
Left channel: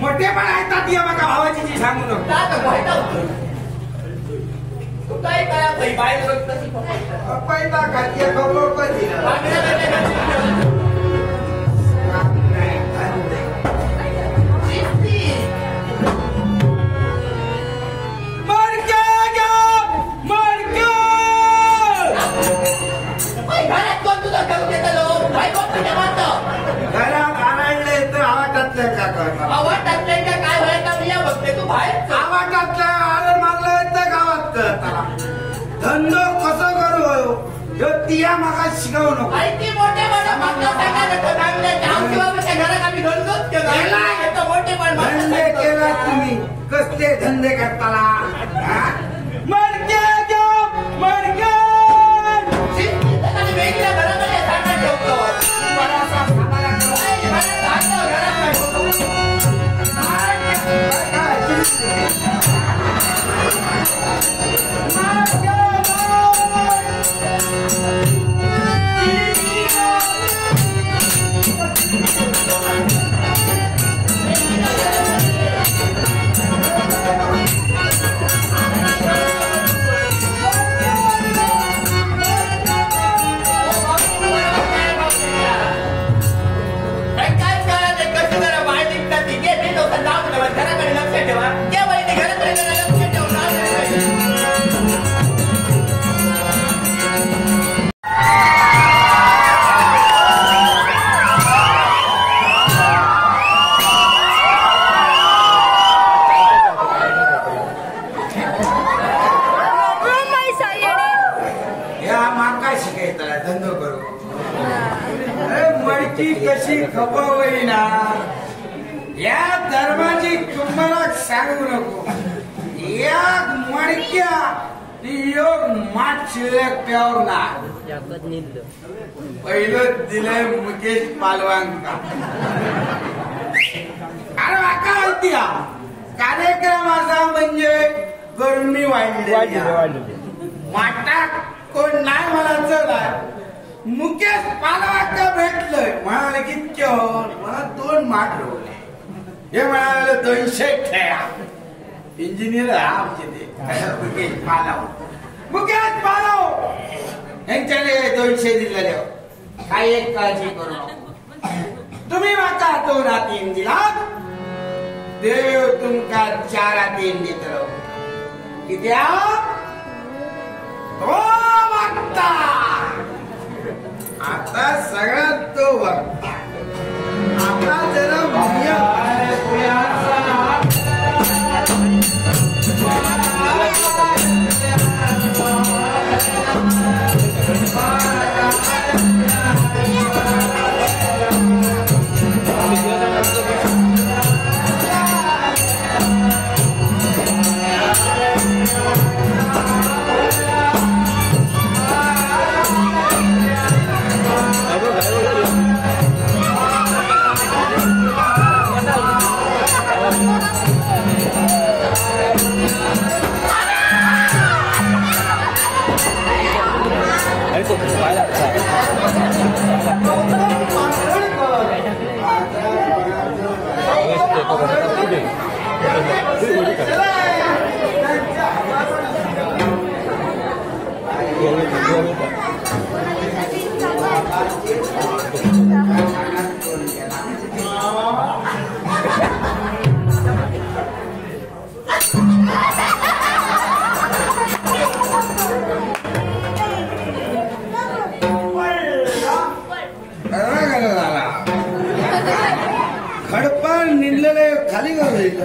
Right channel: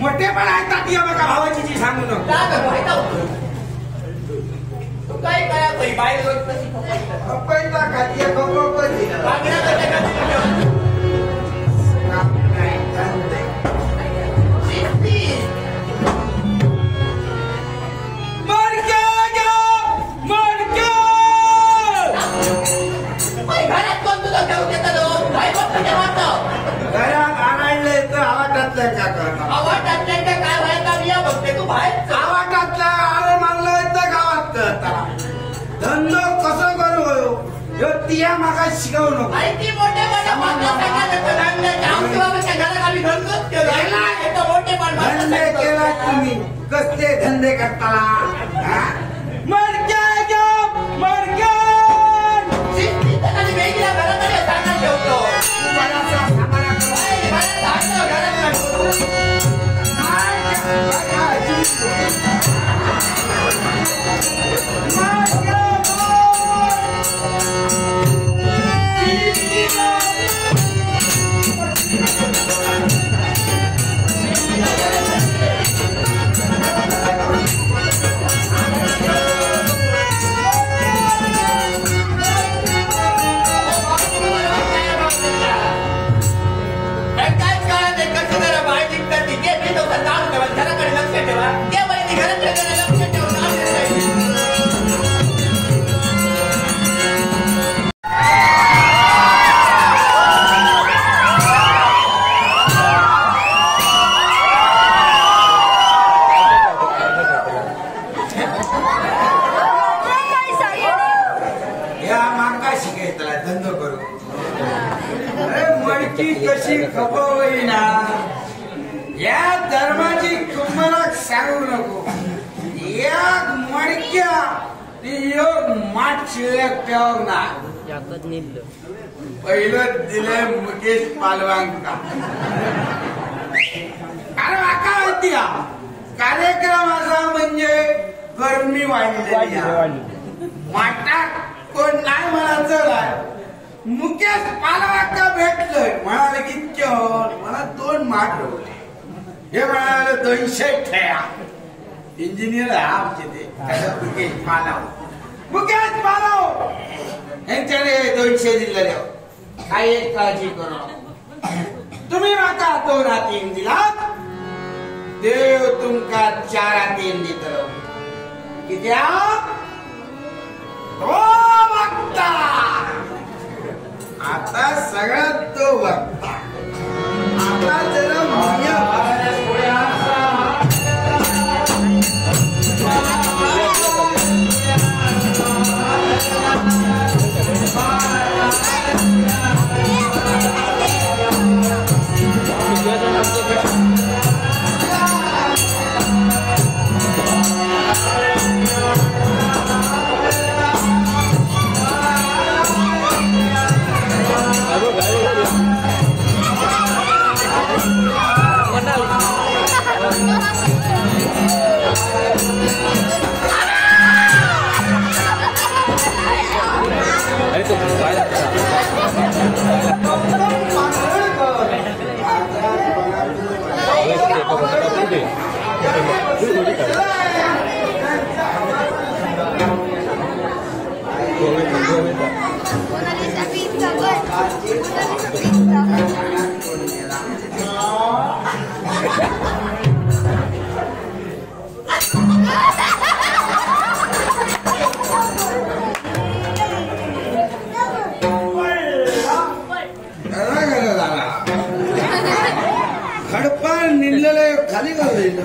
मोठेपण ऐकतात ये बघा भावाची जी सांगू नको. तू काय करा बाहेर रोज कशी खपायचं. पैसा खाती खबर कधी घरात कोण तुझा ठेवू देतो. भाई बाप घरात आणायले तर आवाटातल्या का करणार. आवाज काय व्हायचा मी या बघते. तू बाहेर आवाटातल्या आलं मागलं तर गावात करता. धंदो कसं करू ह्यो तिया मागा शिकवू नको. माहिती मोठेपणा घरात आम्ही घरचोच केलं. मोठेपण धंदे केला तुम्ही कसले धंदे करताला. वेगळ्या घराकडे सांगत ठेवतो. घराकडे लक्ष ठेवा. त्या वहिनी घराकडे लक्ष ठेवून या माका शिकायचा धंदो करू. मडकी कशी खपवली ना या धर्माची तुम्हाला सांगू नको. या मडक्या योग माठ शिल्लक ठेवना. पहिलं दिलंय मुकेश पालवांका. अरे वाका माहिती कार्यक्रम असा म्हणजे गरमी वाढली. माठात कोण नाही मला चला. मुकेश पालवांका भेटलंय म्हणाले की मला 2 माठ रोवले. हे म्हणाले 200 ठेया. इंजिनियर आहे आमचे ते मुकेश पालव यांच्याने 200 दिलेले. काही एक काळजी करू नको. तुम्ही माका 2 हातीन दिलात देव तुमका 4 हातीन दितलो. कित्या 2 वागता. आता सगळ्यात तो वागता. आता जरा itu banyak tak? Oke, kau kata putih. Itu dia kan. निघलेले खाली का होईल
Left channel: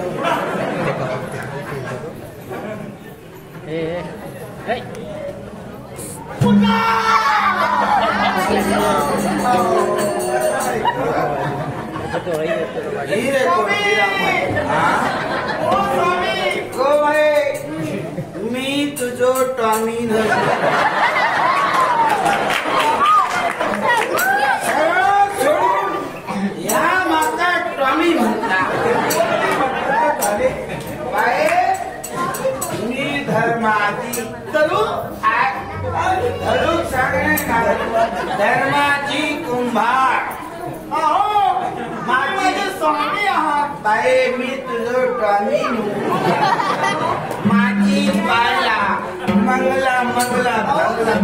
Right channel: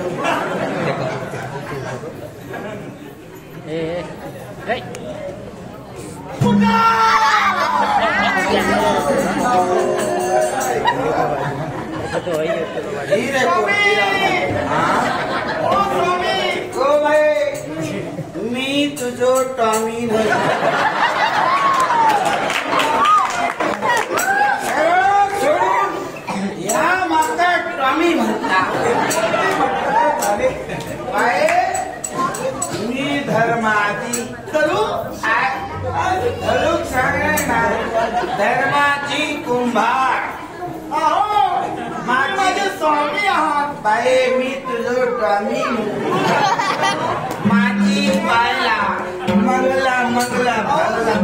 मी तुझो टॉमी या माका टॉमी म्हणता मी धर्माची धरुक सांगणे ना धर्माची कुंभार माझे स्वामी आहात बाई मी तुझं टॉमी माझी बायला मंगला मंगला भगला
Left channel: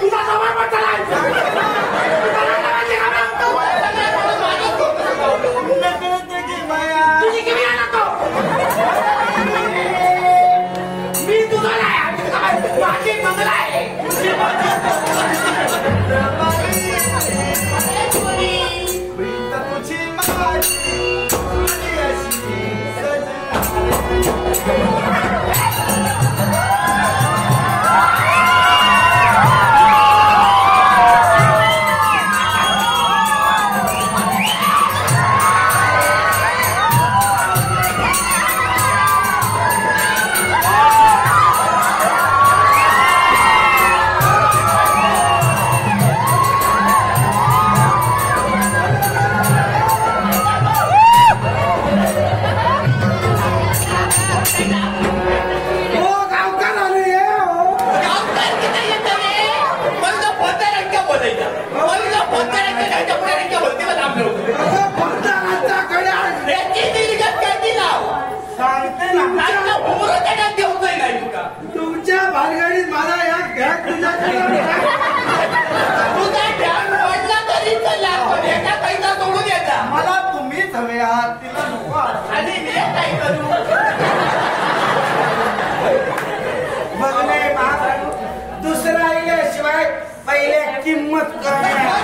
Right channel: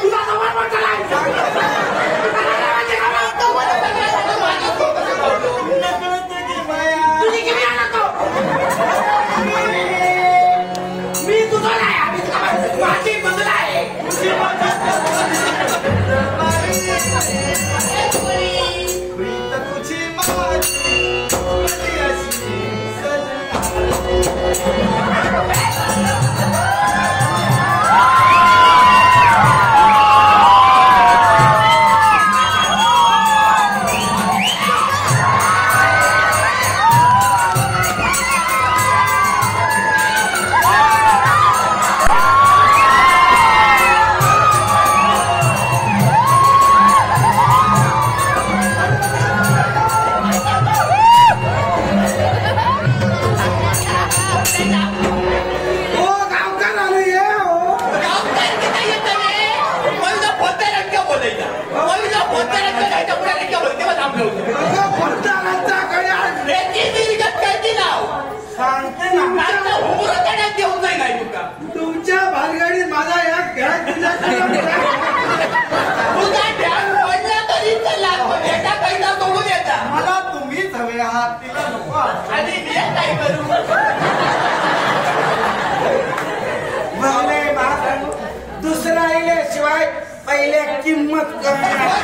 तू ह्याच्या पुढे नाही का बोलते मला आपलं होतं अगं पंतप्रधानांच्याकडे आज त्याची निर्गत काय ती लाव सांगते ना आता उमर त्याच्यात देऊचंय नाही तुका तुमच्या भानगडीत माझा एक घरात तुझ्याकडे तुझा ध्यान पडला तरी चला पण एका पैसा सोडून येता मला तुम्हीच हवे आहात तिला नको आहात. आणि मी काय करू बघले बा दुसरा आल्याशिवाय पहिले किंमत करणार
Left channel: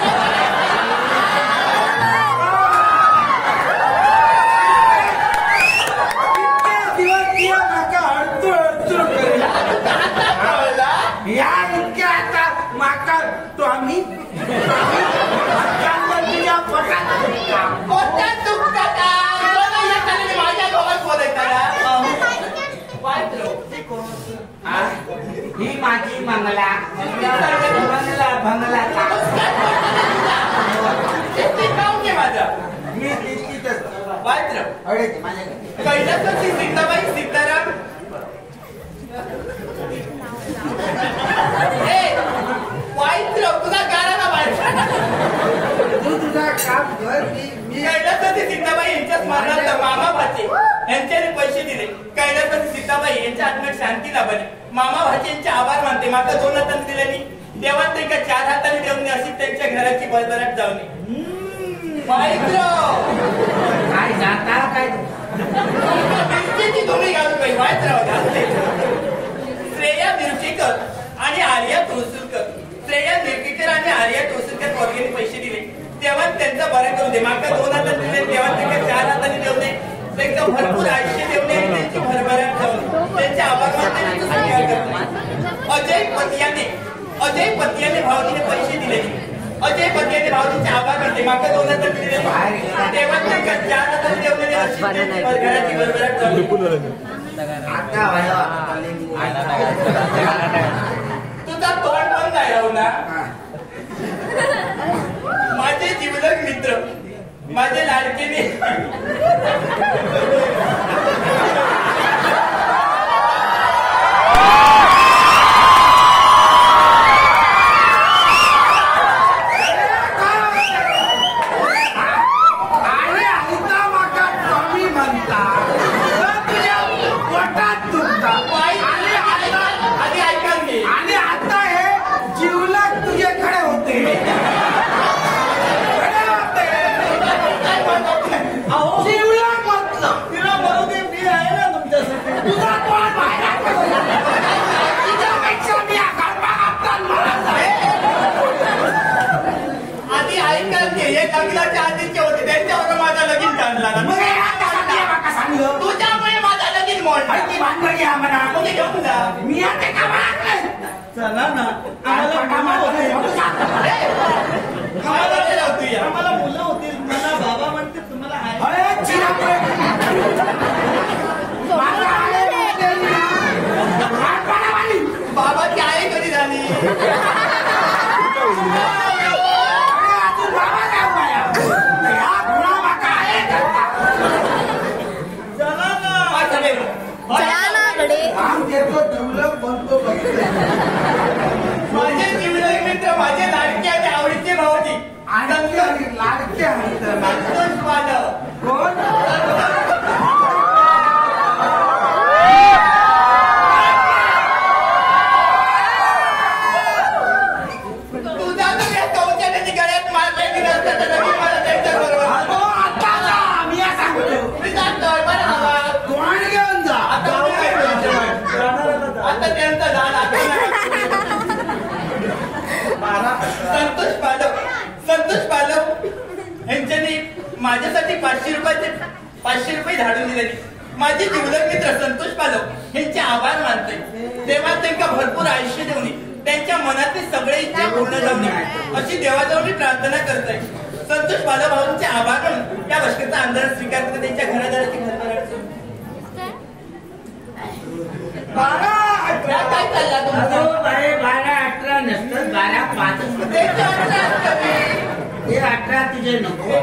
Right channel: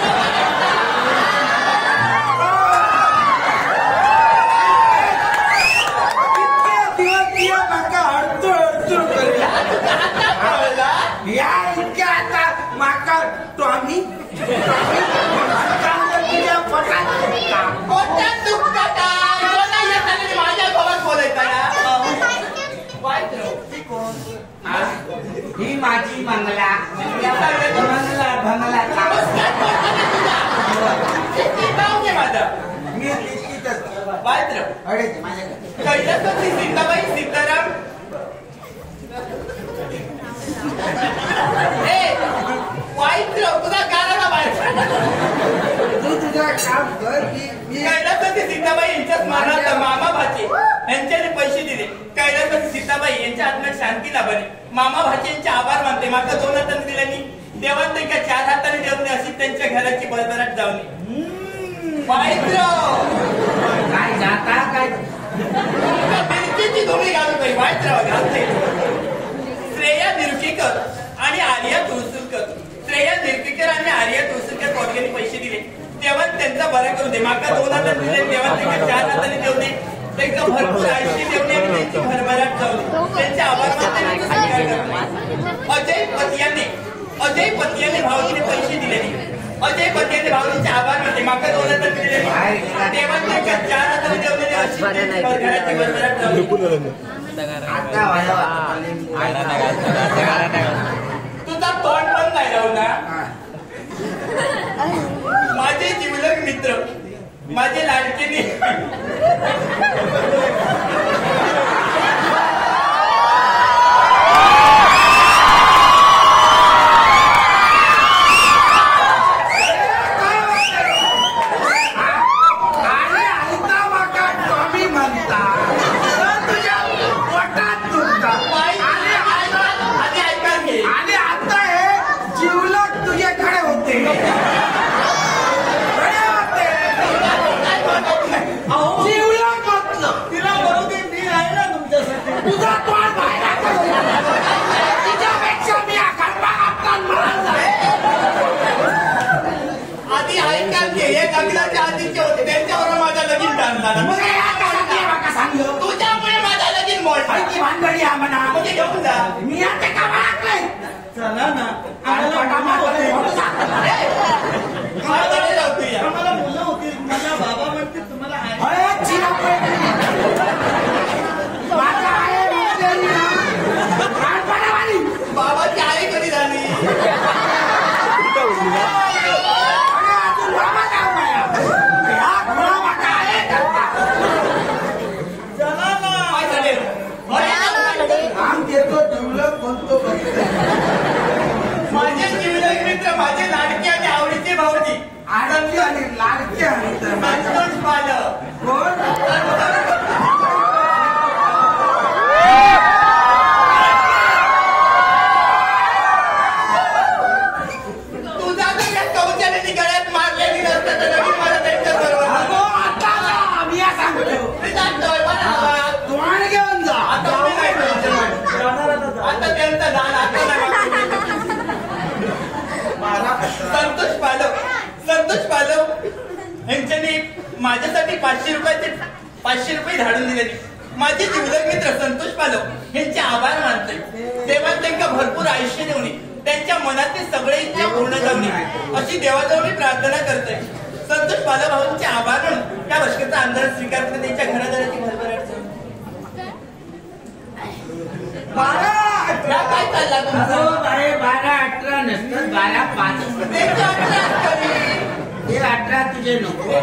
दिवस माका अडचण करेल आता कळला या इतक्या आता माका तो आम्ही तुझ्या पटात कोणत्या चुकता काय कोणा येताना माझ्या गोवात बोलायचा ही माझी मंगला बंगला बंगला माझा मी तिथीतच वायत्र अडे ते माझ्याकडे कैलास सीताबाई सीताराम वाईत्र तुझा गाराला बाहेर तू तुझा काम कर मी कैलासपती सीताबाई यांच्या स्मरणार्थ मामा भाचे यांच्याने पैसे दिले कैलासपती सीताबाई यांच्या आत्म्यात शांती लाभली मामा भाचे यांचे आभार मानते माका 2 हाताने दिल्यानी देवात ते का 4 हाताने देऊन अशी त्यांच्या घराची भरभराट जावली वाईत्र काय जाता काय मिरचीची धुळी घालू पाहिजे वाईत्र घालते श्रेया निरकेकर आणि आर्या तुळसुरकर श्रेया निरकेकर आणि आर्या तुळसुरकर पोरग्यांनी पैसे दिले तेव्हा त्यांचा बरा करू दे माका 2 हाताने दिले तेव्हा त्यांना 4 हाताने देऊ दे त्यांना भरपूर आयुष्य देऊ नये आणि त्यांची भरभराट जाऊ त्यांचे आभार मानते अजय पतियाने भावजीने पैसे दिले अजय पतियाने भावजींचे आभार मानते माका 2 हाताने दिले तेव्हा त्यांना 4 हाताने देऊ दे अशी घराची भरभराट जाऊ तुझा तोंड पण नाही राहू ना माझे जीवलग मित्र माझे लाडकेने आधी ऐकायचे हे लग्नाच्या आधीचे होते त्यांच्यावर माझा लगीन टाळला तुझ्यामुळे माझा लगीन मोडला घेऊन जा मी आता का चला ना आम्हाला मुलं होते आम्हाला मुलं होती मला बाबा म्हणते तुम्हाला बाबाची आई कधी झाली चला ना आम देतो दुर्लभ बनतो माझे जीवलग मित्र माझे लाडके आणि आवडीचे भाऊजी आनंदी आणि लाडके आणि संतोष पालक कोण तुझा तर काय कवचाने गळ्यात मारलेली मला त्यांच्याबरोबर मी सांगतो मी सांगतोय मला कोण घेऊन जा आता त्यांचा झाड संतोष पालव यांच्यानी माझ्यासाठी 500 रुपये धाडून दिले माझे जीवलग मित्र संतोष पालव यांचे आभार मानते तेव्हा त्यांना भरपूर आयुष्य देऊन त्यांच्या मनातले सगळे इच्छा पूर्ण जाऊन अशी देवाजवळ मी प्रार्थना करतोय संतोष पालव भाऊंचे आभार म्हणून त्या भटकेचा आंदोलन स्वीकार करते त्यांच्या घरादाराची भरभराट झाली. 12-18 काय चालला तुमचा 12-18 नसतं 12-5 त्यांच्या अंतरात हे 18 तुझे नको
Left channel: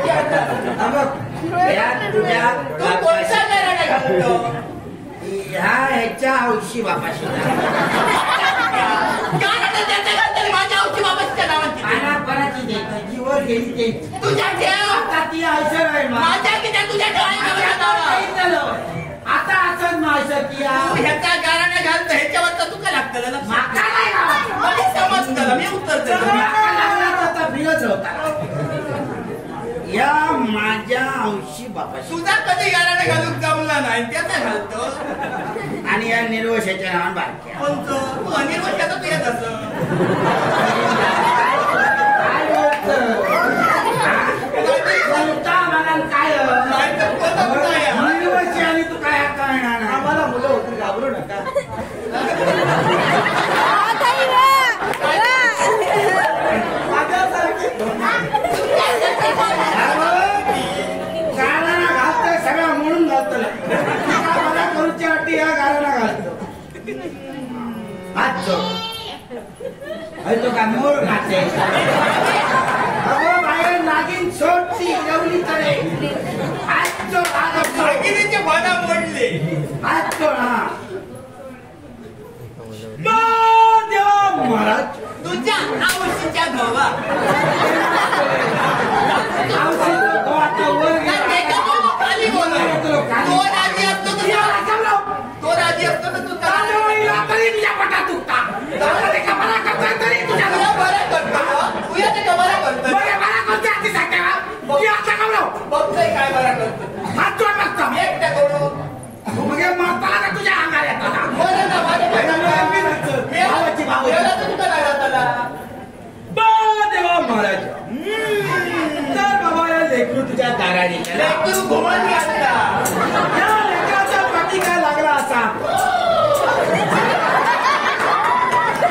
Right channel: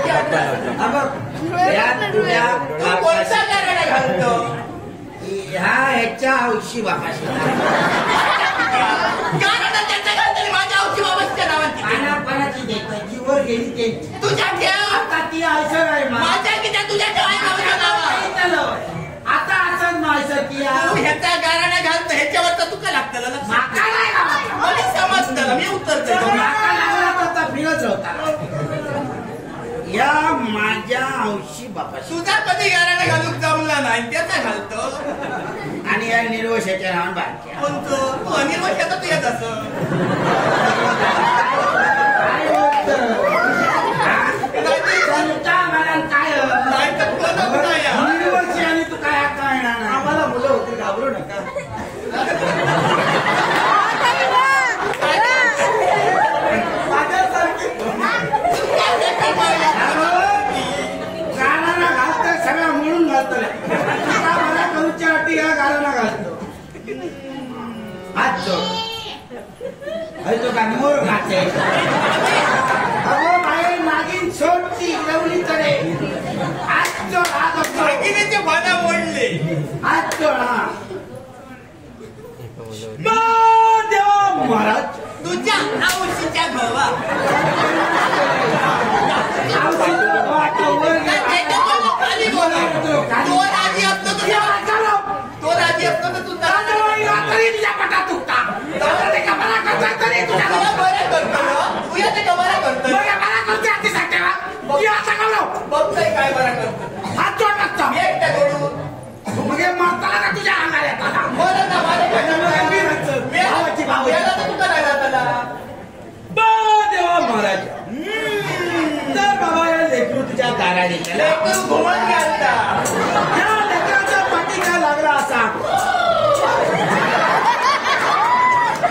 बघ यात तुझ्या तू कोणता गाराडा घालतो ह्या ह्याच्या हौशी बापाशी गाराडा त्याच्या घालताना माझ्या औची बाबाच्या नावाची कानापणाची द्यायचं जीवन गेली ते तुझ्या ठेव आता ती असं आहे माझ्या किती तुझ्या ठेव आता असं माझं ती ह्याचा गाराने घालतो ह्याच्यावर तर तुका लागतं माका नाही मला समजतं मी उत्तर देतो फिरच होता या माझ्या औशी बापाशी तुझा कधी गाराने घालूक जमला नाही त्याचा घालतो आणि या निर्वशाच्या नावान बारक्या कोणतं तू अनिर्वशाचा तू येत असं काय नाही तर कोणतं कुठं आहे निर्वशी आणि तू काय कळणार आम्हाला मुलं होती घाबरू नका माझ्यासारखी गाळाला घालतोय सगळं म्हणून घालतो मला करूच्या अटी या गाळाला घालतो हात चोक तो काय मोर घाते अगो बाहेर नागिन सोडती जेवली तरे हात चोक हात भागिनीचे भाना मोडले हात चोक हा देव महाराज तुझ्या आवशीच्या गवा खाली बोला तो राजी असतो तो राजी असतो तर तू बरं करतो तुझ्या ते कमाला करतो बघतोय काय बरं करतो मी एकटा करू तुझ्या अंगाला येतात बरं ना माझ्या तुझा नाही जाताला देव महाराज तर बाबा लेकरू तुझ्या दाराने लेकरू घुमत घालता या लेकराचा पाठी काय लागला असा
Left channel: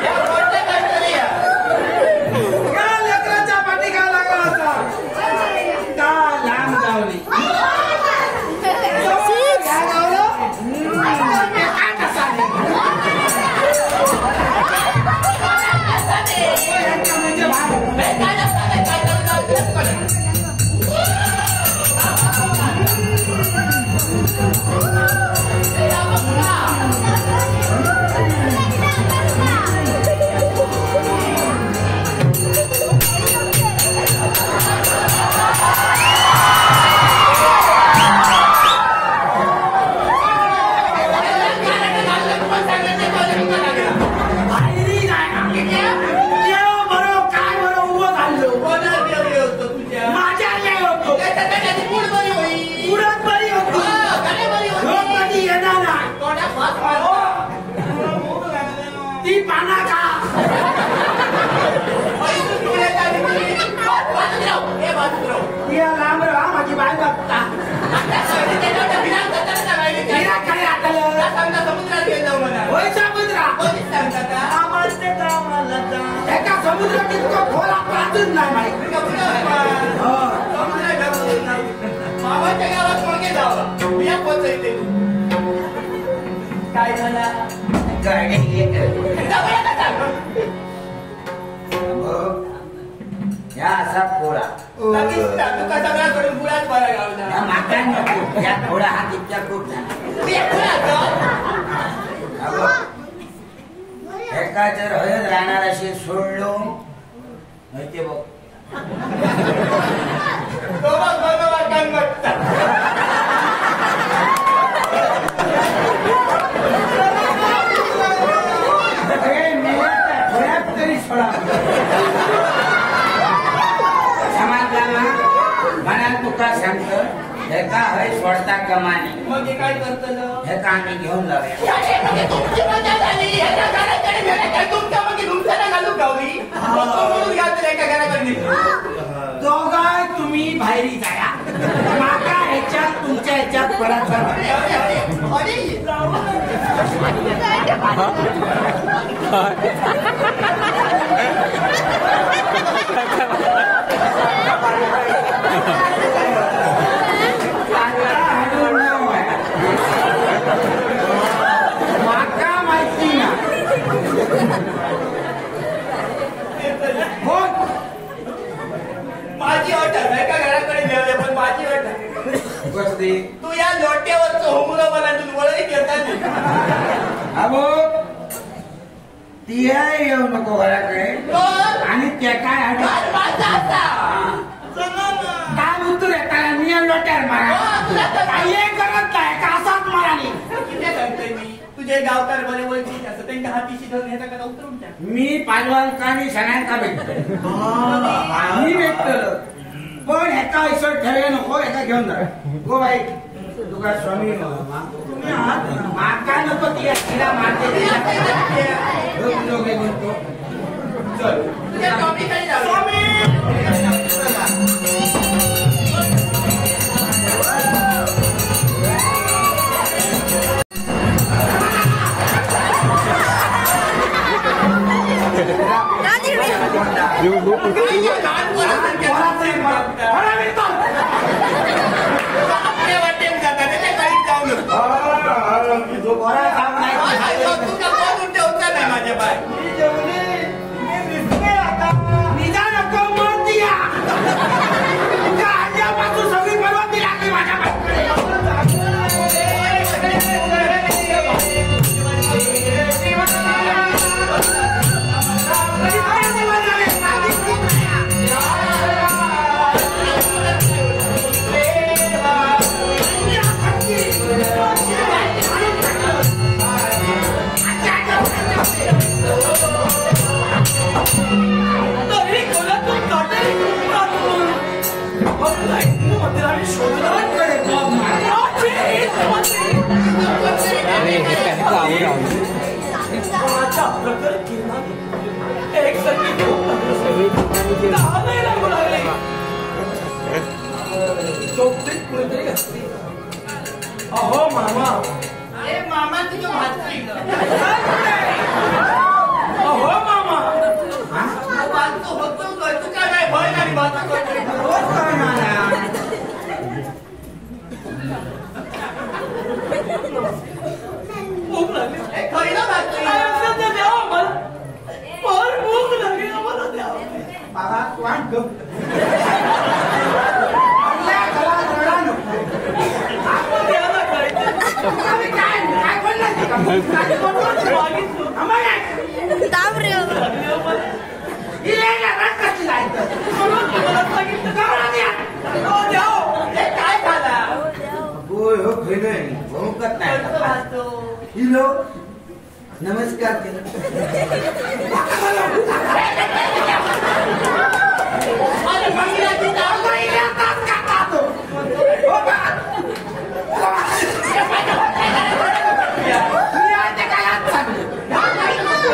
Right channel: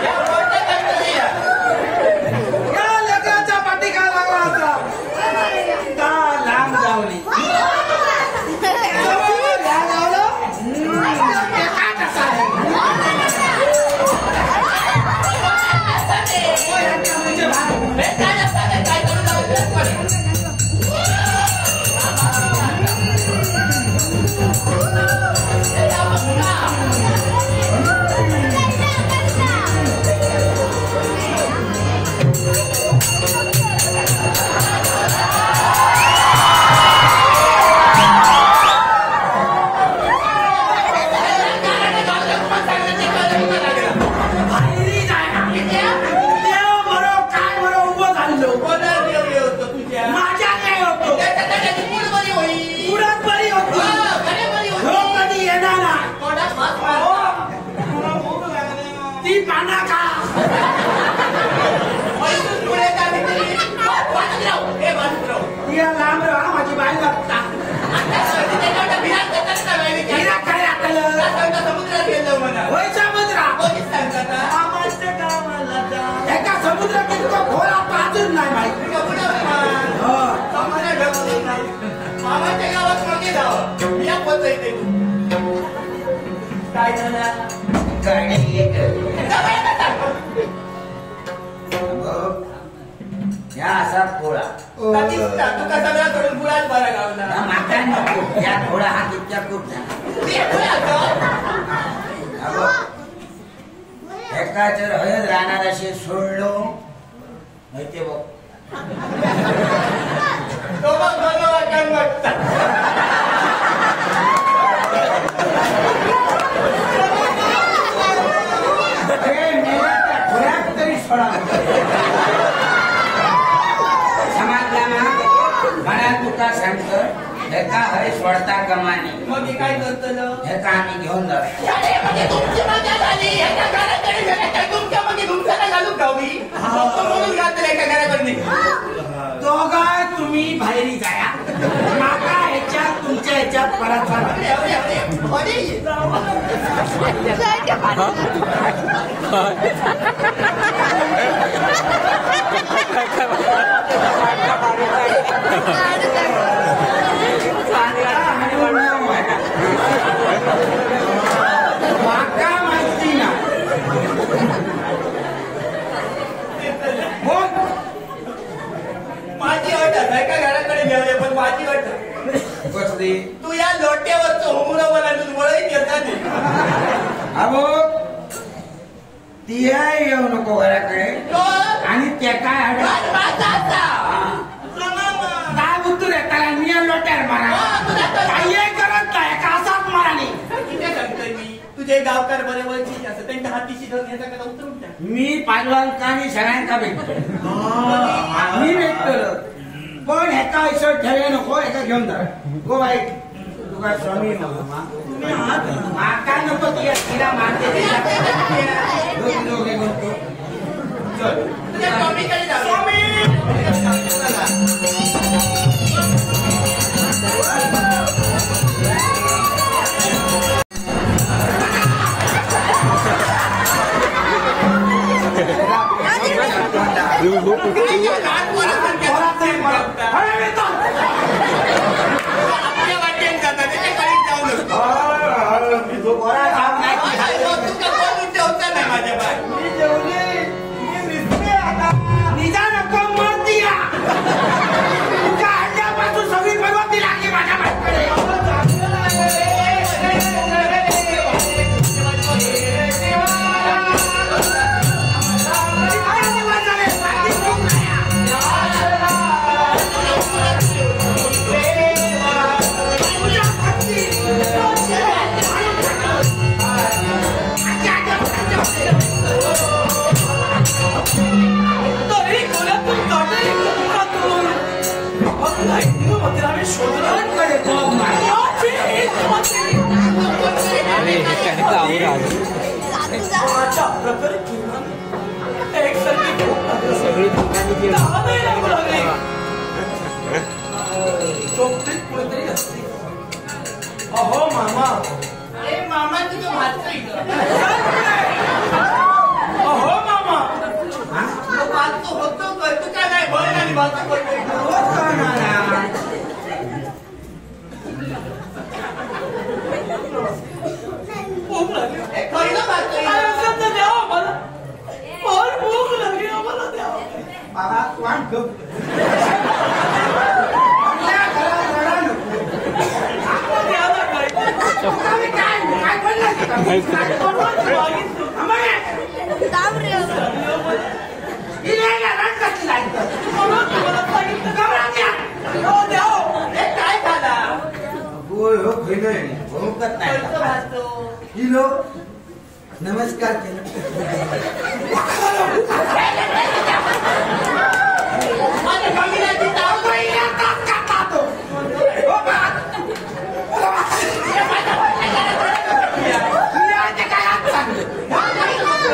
या कोणत्या कंट्री या लेकराच्या पाठी काय लागला असा ता लांब गावली ती पाना का या लांब राहा माझी बाई बघता काय समुद्रात गेलो म्हणा होय समुद्रा कोणीच सांगतात एका समुद्र कितका खोला पाहतच नाही माहिती मामाच्या गावात मागे जावं मी या पोचायचे तू काय झाला या असा खोळा तुका सगळा करून बुडाच बरा गावला या माका नको या खोळा हा तितक्या खूप झाला एका जर हळद राहणार असे सोडलो नाही ते बघ तो मग बनवा कंगट खोळ्यात तरी सोडा समजला ना म्हणाल तुका सांगतो हेका हय सोडता कमानी मग हे काय करतलं हेका आम्ही घेऊन जाऊया तुमची मजा झाली एका घराकडे गेले काय तुमच्या मागे तुमच्याला घालून गावली म्हणून घालतो एका घराकडे दोघाय तुम्ही बाहेरी जाया माका ह्याच्यात तुमच्या ह्याच्यात परत माका माहिती ना हो माझी अट आहे एका घराकडे घेऊया पण माझी अट कसली तू या लोट्यावरचं होमुरं मला तू वळीत येतात अहो ती येऊ नको घराकडे आणि त्या काय माझा लोट्यार मारा काही करत नाही का असाच माराने किती सांगतोय मी तुझे गावकार बरे वळखीचे असं त्यांच्या हातीशी धरून ह्याचा कदा उतरून टाक मी पालवालकांनी सगळ्यांका भेटतोय मी भेटतो पण ह्याचा ऐसर ठेवले नको एका घेऊन जा गो बाई तुका स्वामी तुम्ही आहात माका नको तिला मारते दोघे म्हणतो चल तुझ्या स्वामीकडे जाऊ स्वामी आपल्या वाटेन जाता त्याच्या काळीत जाऊ नको तुझा कोण ठेवता नाही माझ्या बाय निदान नको म्हणती तुझ्या अंड्यापासून सगळी परवानगी लागली माझ्या अहो मामा अरे मामा तुझं भात अहो मामा वाचतो होतो काय तू काय नाही भय आणि भात रोज करणार भूक लागली पहिलं भात द्यावा मला फार भूक लागली आम्हाला द्यावा आवाज वाढतो आपल्या घरात रडा नको आपण द्यायला पाहिजे काय काय बोलला काय बनवायचं मागितलं आम्हाला काय झाला हिलो नमस्कार केलं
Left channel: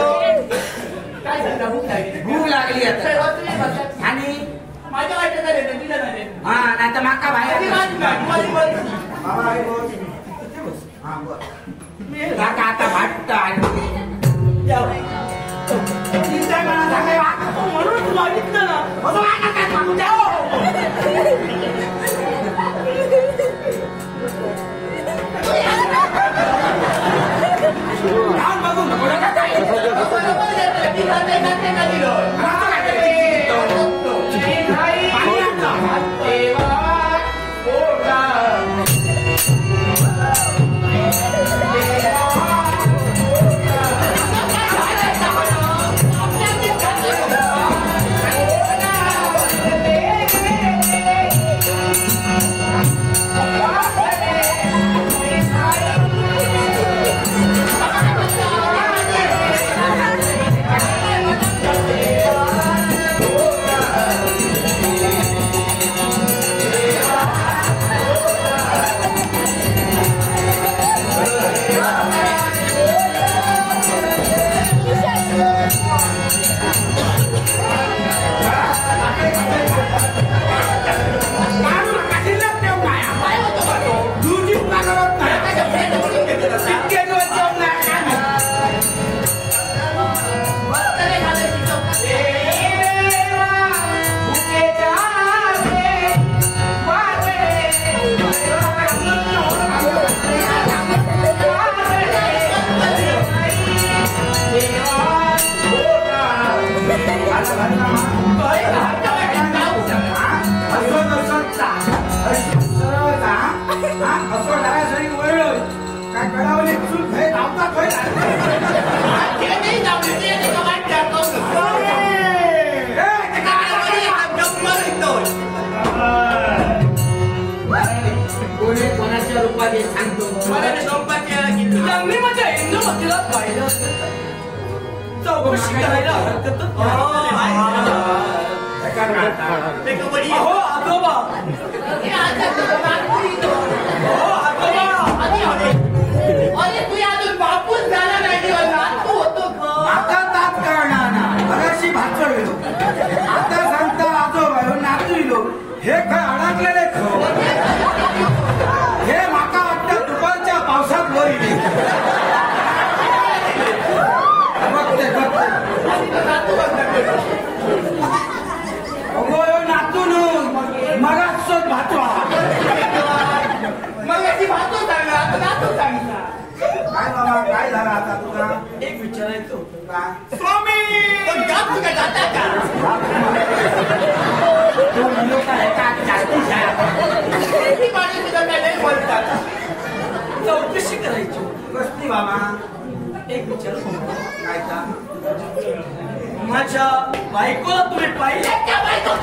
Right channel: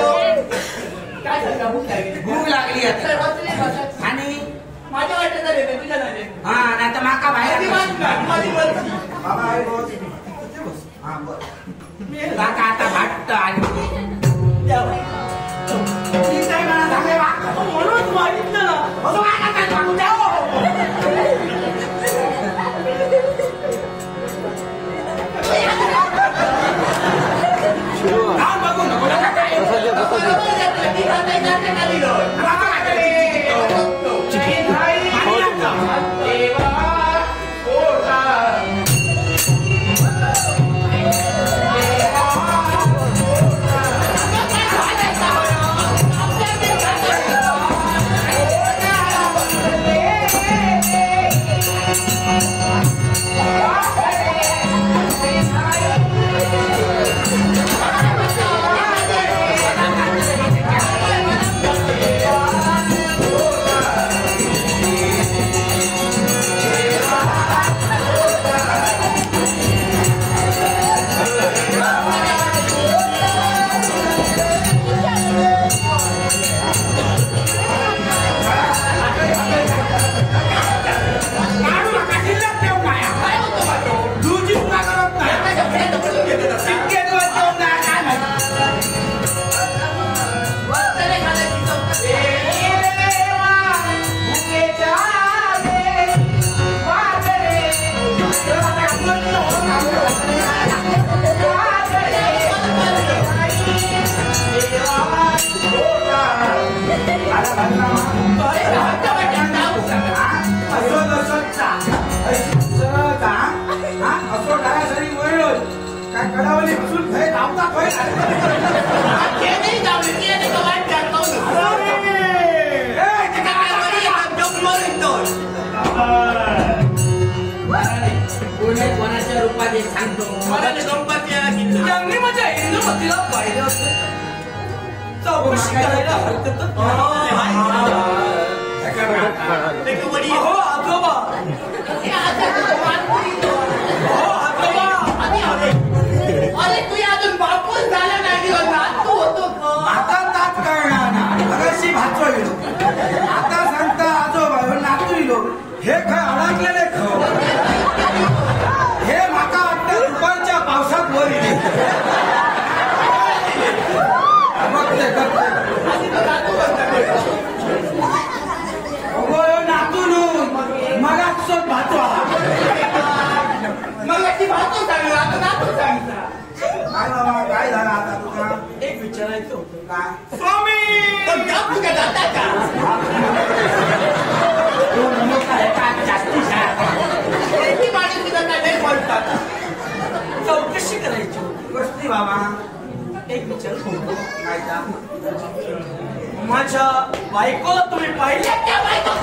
काय झालं भूक लागली भूक लागली आता आणि माझ्या वाटेत झाले का तुझ्या झाले हा नाही तर माका बाहेर माझी वरती बाबा अरे बोल इथे बस. हा बोल काका आता भाट आणि म्हणून मागितलं ना असं वागा काय सांगू द्या हो. जाऊन बघू नको नका काय. आता काय करायचं? आणि आता? स्वरूपाचे सांगतो मला संपत्ती यायला किती त्यांनी माझ्या इंदुमतीला पाहिलं असेल चौकशी करायला हरकतच ते का वडी अहो आजोबा हे आता नागपुरी तो अहो आजोबा अरे तू अजून बापूस झाला नाही दिवस नातू होतो आता तात कळणार ना मगाशी भाचविलो आता सांगता आजोबा नातविलो हे काय अडकलेले खो हे माका वाटतं दुपारच्या पावसात वर येईल बघते नातून मगाच सोड भातवा मग ती भातू सांगला आता नातू सांगता काय बाबा काय झालं आता तुला एक विचारायचं होतं काय स्वामी पण गप तुका जाता का तू लोक आहे का जास्ती शाळा ती माणूस तुझं काय नाही बोलतात चौकशी करायची होती कसली बाबा एक विचार होतो काय का माझ्या बायकोला तुम्ही पाहिले त्या बायको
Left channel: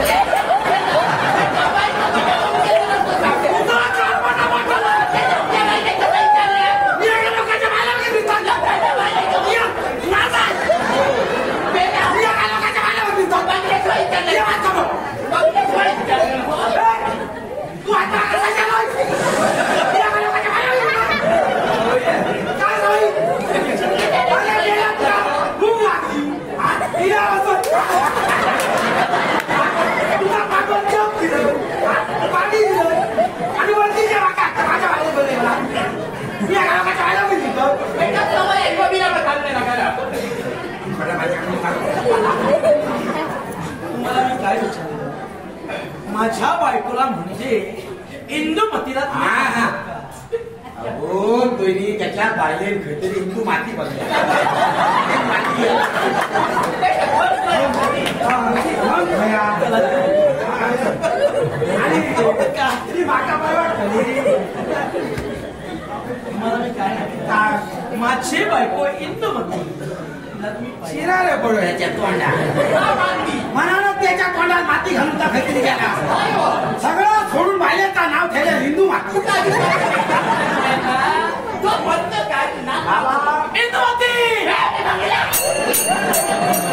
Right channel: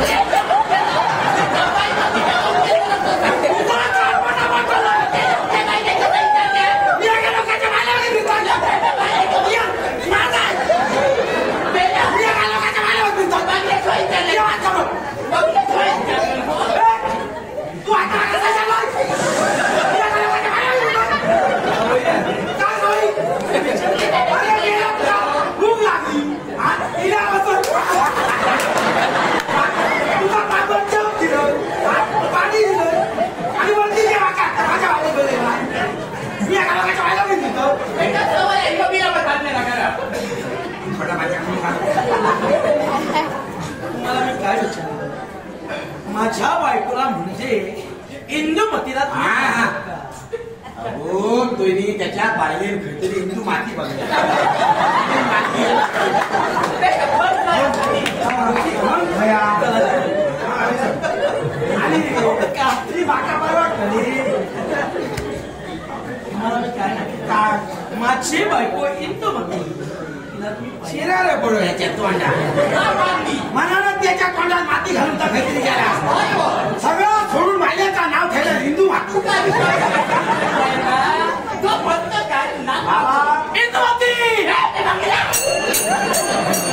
तुम्हाला मी काय विचारलं माझ्या बायकोला म्हणजे इंदुमतीला तुम्ही हा. पाहिलं का? हो तुम्ही त्याच्या बाहेर खतरी हिंदू माती बघल्या माती आणि कात्री बाका परवा तुम्हाला मी काय सांगितलं? माझी बायको इंदुमती तिला तुम्ही पाहिलं? शिरारे पडू ह्याच्या तोंडा मनानं त्याच्या तोंडात माती घालून खतरी गेला सगळं सोडून बाल्याचं नाव ठेवलं हिंदू माती तो म्हणतो काय ना बाबा इंदुमती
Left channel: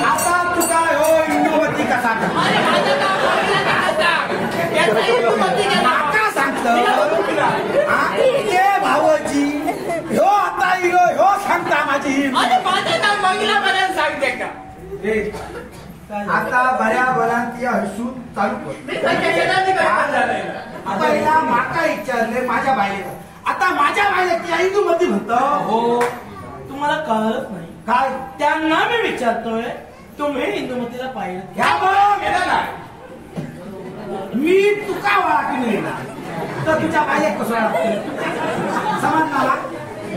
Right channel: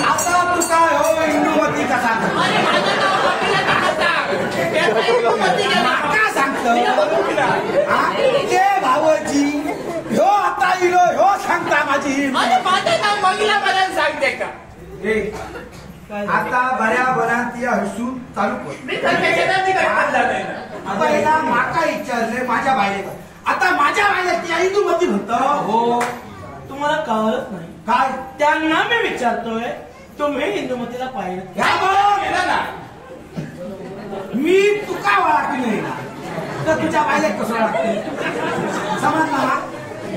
आता तू काय हो हिंदूमती कसा अरे माझं नाव बघितलं का सांग त्याचं इंदुमती का नाव? माका सांगतो ते भावजी ह्यो आता इलो ह्यो सांगता माझी अरे माझं नाव बघितलं मला सांगते का रे, आता बऱ्या बऱ्या ती हसून चालू कर मी संकेताची गडबड झालंय ना. आता हिला माका विचारले माझ्या बायले आता माझ्या बायले ती हिंदूमती म्हणतो हो तुम्हाला कळत नाही काय त्यांना मी विचारतोय तुम्ही इंदुमतीला पाहिलं ह्या बघ गेला ना मी तुका वाटली ना तर तुझ्या बायले कसं वाटते समजला ना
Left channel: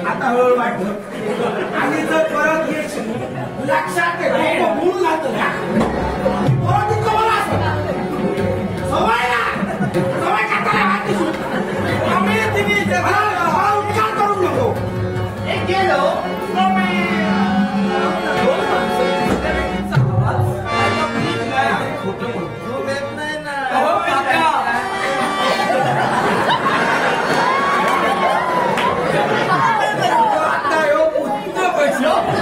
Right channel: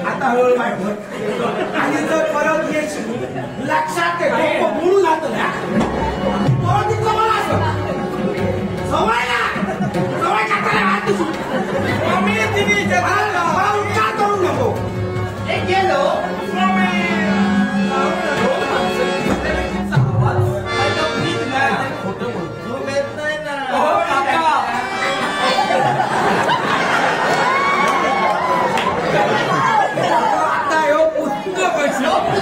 आता हळूहळू वाटत आणि जर परत येशील लक्षात ठेव डोकं बुडून जातं ना परत इतकं मला असं सवय ना सवय करताना वाटते आम्ही तिने मला उच्चार करू नको एक गेलो दोन माणसं दुसऱ्या व्यक्तीचा आवाज ऐका, कुणीच नाही आणि खोटं बोलतो येत नाही ना हो काका आता ह्यो पुत्र पैसे होतो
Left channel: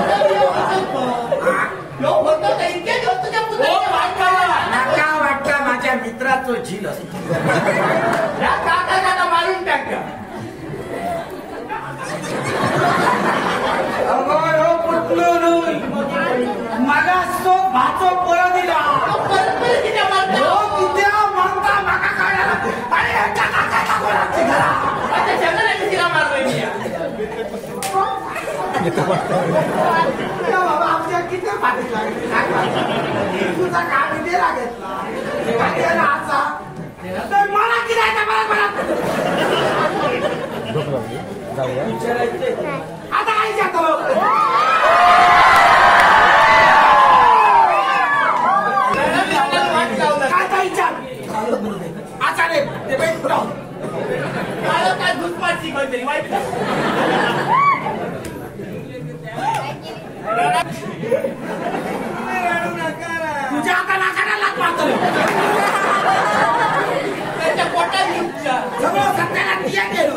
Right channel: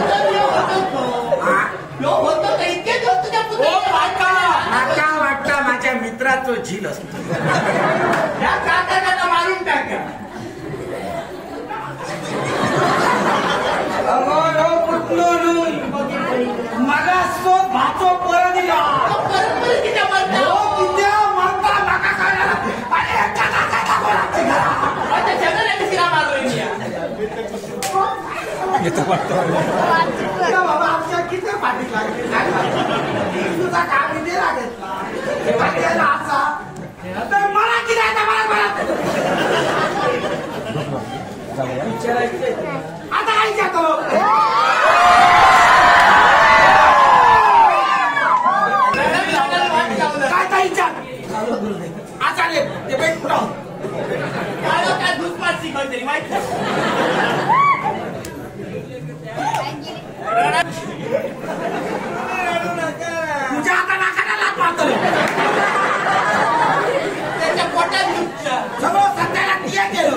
तर इतके दिवस तुझ्या हो पुतळ्याला काका नाका वाटतं माझ्या मित्राचं झील असतो या काकांना मारून टाका मागास तो भातो परत दिला परत किती मारता हो किती म्हणता माका काय अरे माझ्या सगळ्यांनी तिला मारलोय मी बाबा आमच्या किती पाठी तुझा काय दे लागेल आमचा तर मला किती आता मला आता काय जातो काय काय विचार आता रे ते भेट पुढं मला काय दुष्पारची कोणतरी वाईट तुझ्या आता नाकाला लात मारतो त्याच्या पोटात दुखच्या सगळं सत्याला तिया गेलो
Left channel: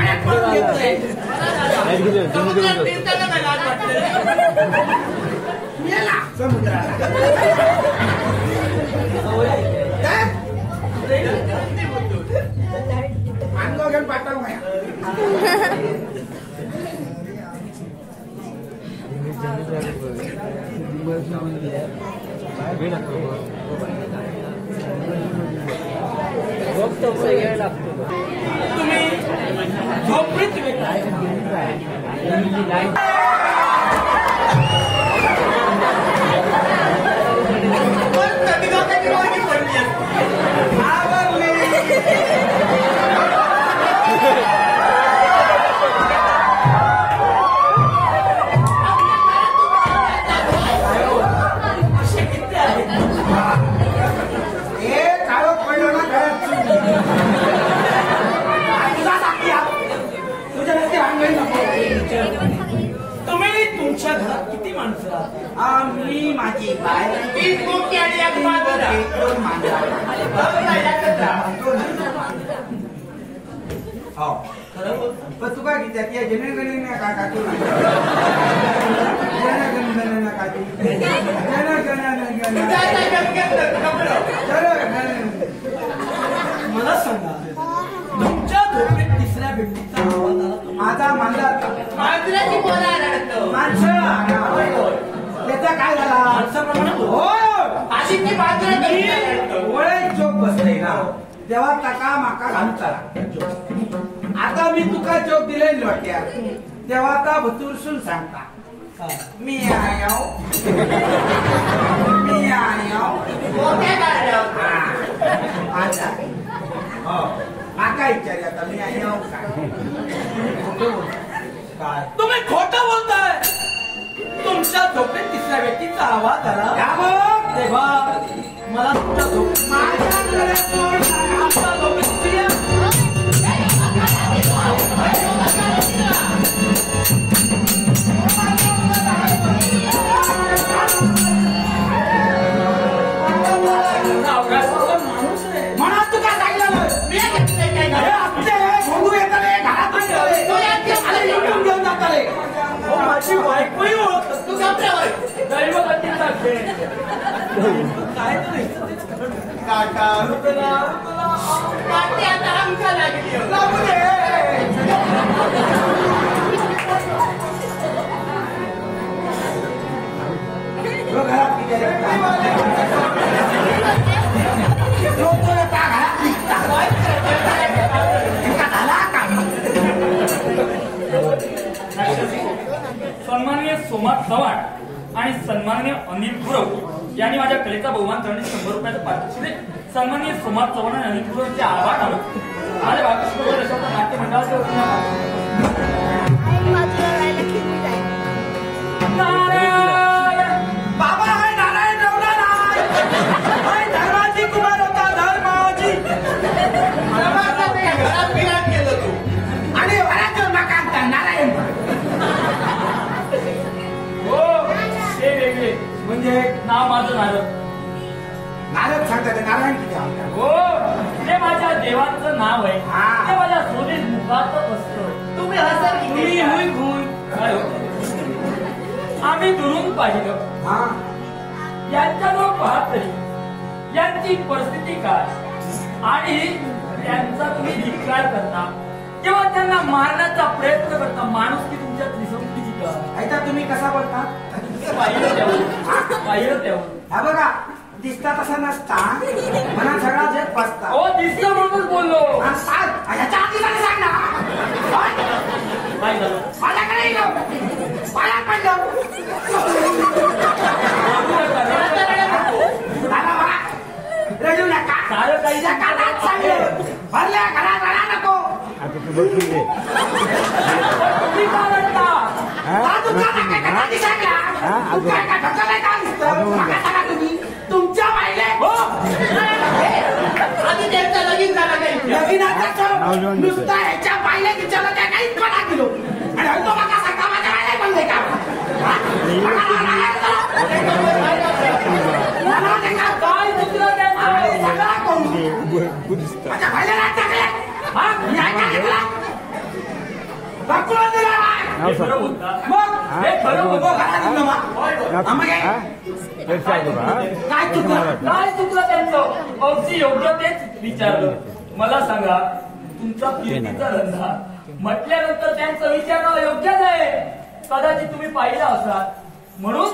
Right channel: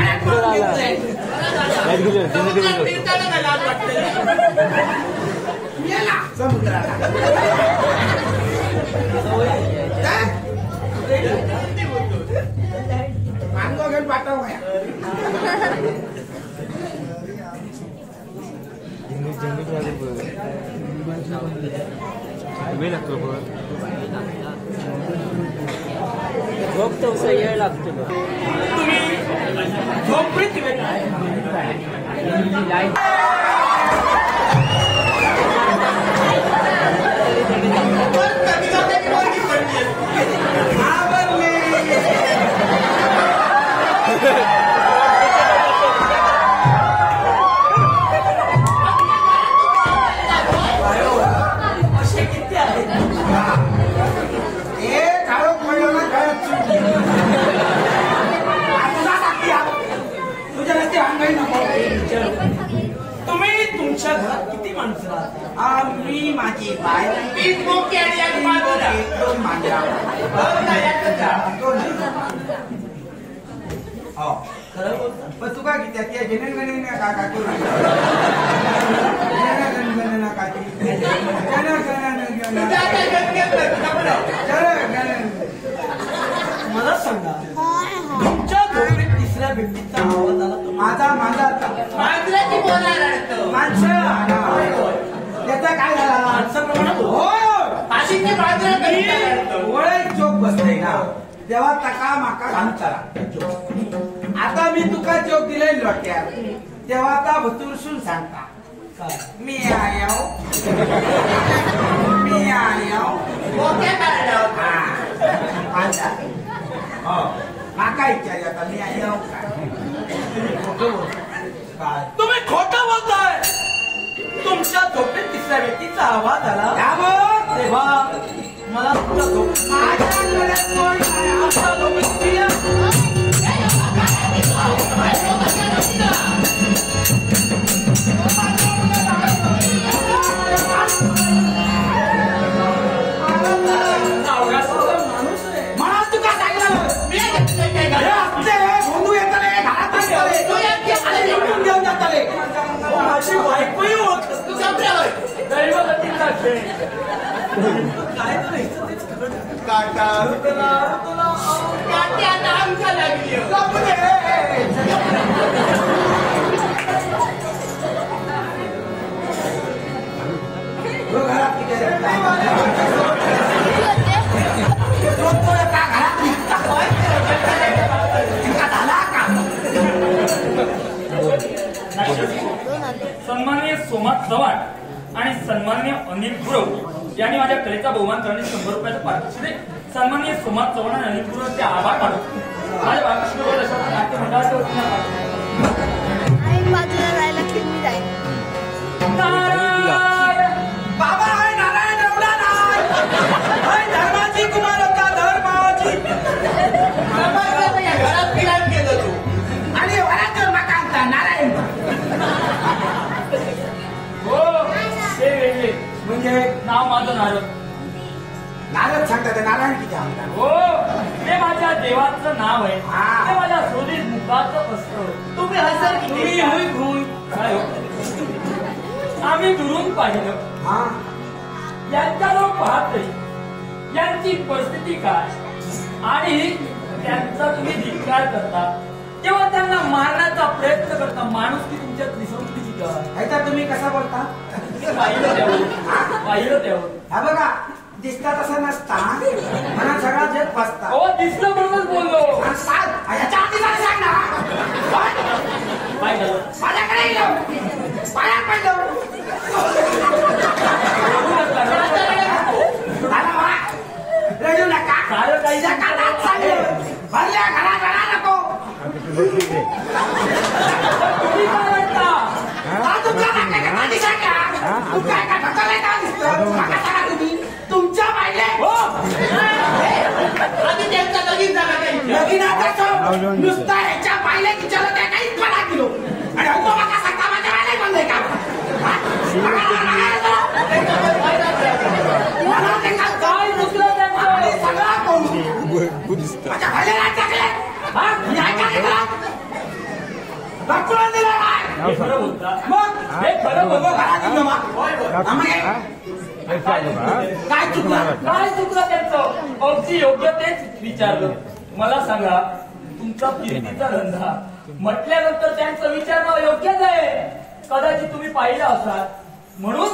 काय करून घेतलंय समुद्रात फिरताना काय लाज वाटते मेला समुद्राला मानगाव घेऊन पाठव काय वेळ लागतो तुम्ही झोपडीची वेळ कधी लोकांची वर्गी पडली असे किती आहेत हे काळोख पडलं ना घरात तुझा साथी आहात. तुझ्या रस्ते अंगाई नको तुम्ही तुमच्या घरात किती माणसं राहता मी माझी बाय तीन बोकी आणि एक मांजरा. दोन मांजरा हो ना, एकच आहे. हो खरं बोलता पण तू काय घेते त्या जनगणने का काकू जनगणना काकी तुझं आता गणगण कपडं. मला सांगा तुमच्या झोपेत तिसऱ्या व्यक्तीचा आवाज आला माझा मांजरा मांजराची पोरा रडतो. माणसं त्याचा काय झाला माणसाप्रमाणे बोल. हो आधीची मांजरा घरी रडतो. ओळख चोप बसले ना तेव्हा तका माका घालता आता मी तुका जोक दिले लोट्यात तेव्हा आता भतुरसून सांगता काय मी आयो मी आयो बोक्या काढलं. माझा हो माका विचारलं आता मी आयो काय तुम्ही खोटं बोलताय तुमच्या झोपेत तिसऱ्या व्यक्तीचा आवाज आला या बघ. तेव्हा मला तुमच्या झोपेत माझ्याकडे कोण नाही. आमच्या झोपेत तिसऱ्या माणूस रे म्हणा तू काय सांगितलं मी घेतलंय काय अरे घरात. असते भोंदू येताले घरात असताले तू यांची लुटून घेऊन जाताले माझी बायकोही होत तू कपडे होय. दैवगतीचा खेळ काय तर तेच खरं काका तुला काकी आता आमच्या लागली हो. जाऊ दे. तो घरात किती झोपतो का घरात निघता इतका झाला का सन्माननीय सोमात चव्हाण आणि सन्माननीय अनिल गुरव यांनी माझ्या कलेचा बहुमान करण्यास 100 रुपयाचं पारितोषिक दिले. सन्माननीय सोमात चव्हाण आणि अनिल गुरवचे आभार मानतो. माझ्या बालकृष्ण देशाच्या नाट्य मंडळाच्या वतीनं नारायण बाबा आहे नारायण एवढा नाही हाय धर्माची कुमार होता धर्माची समाजाच्या घरात फिरायला गेलो तू. आणि वराचं मकान नारायण हो ते वेगळे म्हणजे नाव माझं नारद. नारद सांगतात नारायण किती म्हणतात हो ते माझ्या देवाचं नाव आहे. हा. ते माझ्या स्वदेश मुखात असतं. तुम्ही हसर तुम्ही किती हुई गुण काय हो? आम्ही दुरून पाहिलं हा यांच्याजवळ पाहतोय यांची परिस्थिती काय आणि त्यांचा तुम्ही धिक्कार करता किंवा त्यांना मारण्याचा प्रयत्न करता. माणूस की तुमच्यात विसंगती काय ऐका तुम्ही कसा बोलता पाहिलं त्यावर हा बघा दिसता तसा नसता म्हणा सगळा जग बसता हो दिसलं म्हणूनच बोललो. आणि सांग ह्याच्या आधी काय सांग ना काय झालं माझ्याकडे येलो पाया पडलो रडू नका सारं काही जगात सांगलं भरल्या घरात रडा नको तुम्ही काय म्हणता? हा तुमच्या नाकाच्या नादी सांगला तू काय काय ढकललाय का दिसतं मागा सांगा तुम्ही तुमच्या पाहिले हो आधी त्यांचा लगीन झाला काही लगीनाचा नुसता ह्याच्या पाहिले की चला त्या काहीच पडा किलो आणि तो मागा सांगता माझ्या पाहिले पण नाही का हा? मला ते का काय मुद्रा आणि त्यांचा? सगळा कोण माझ्या पाहिले नाही टाकले हा मी ऐका नाही तुला दाखवला दिला नाही. हे खरं बोलता मग हे खरं उभं बोलता करा निघणं मग. आम्हा काय चुकलं काय चुकलं त्यांचं अगदी योग्य तेच विचारलं. मला सांगा तुमचा फिरतीचा धंदा म्हटल्यानंतर त्यांचं विचारणं योग्यच आहे. कदाचित तुम्ही पाहिलं असाल म्हणून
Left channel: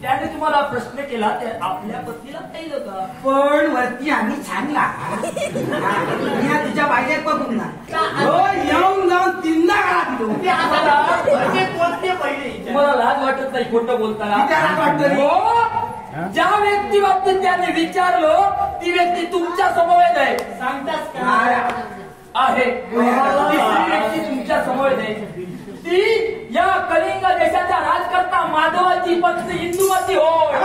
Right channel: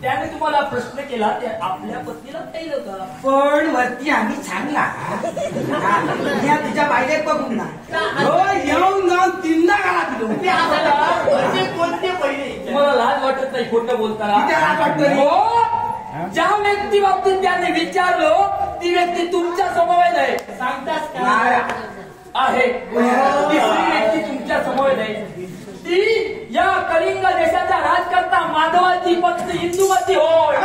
त्याने तुम्हाला प्रश्न केला ते आपल्या पत्नीला पाहिलं होतं. पण वरती आम्ही छानला मी तिच्या बाहेर बघून ना हो येऊन जाऊन तीनदा गाला तिथं ते आता म्हणजे कोणते पहिले तुम्हाला लाज वाटत नाही खोटं बोलताना? किती लाज वाटतं रे? हो ज्या व्यक्ती बाबतीत त्यांनी विचारलं ती व्यक्ती तुमच्या समवेत आहे. सांगताच का? आहे तिसरी व्यक्ती तुमच्या समवेत आहे. ती या कलिंग देशाच्या राजकर्ता माधवाची पत्नी इंदुमती होय.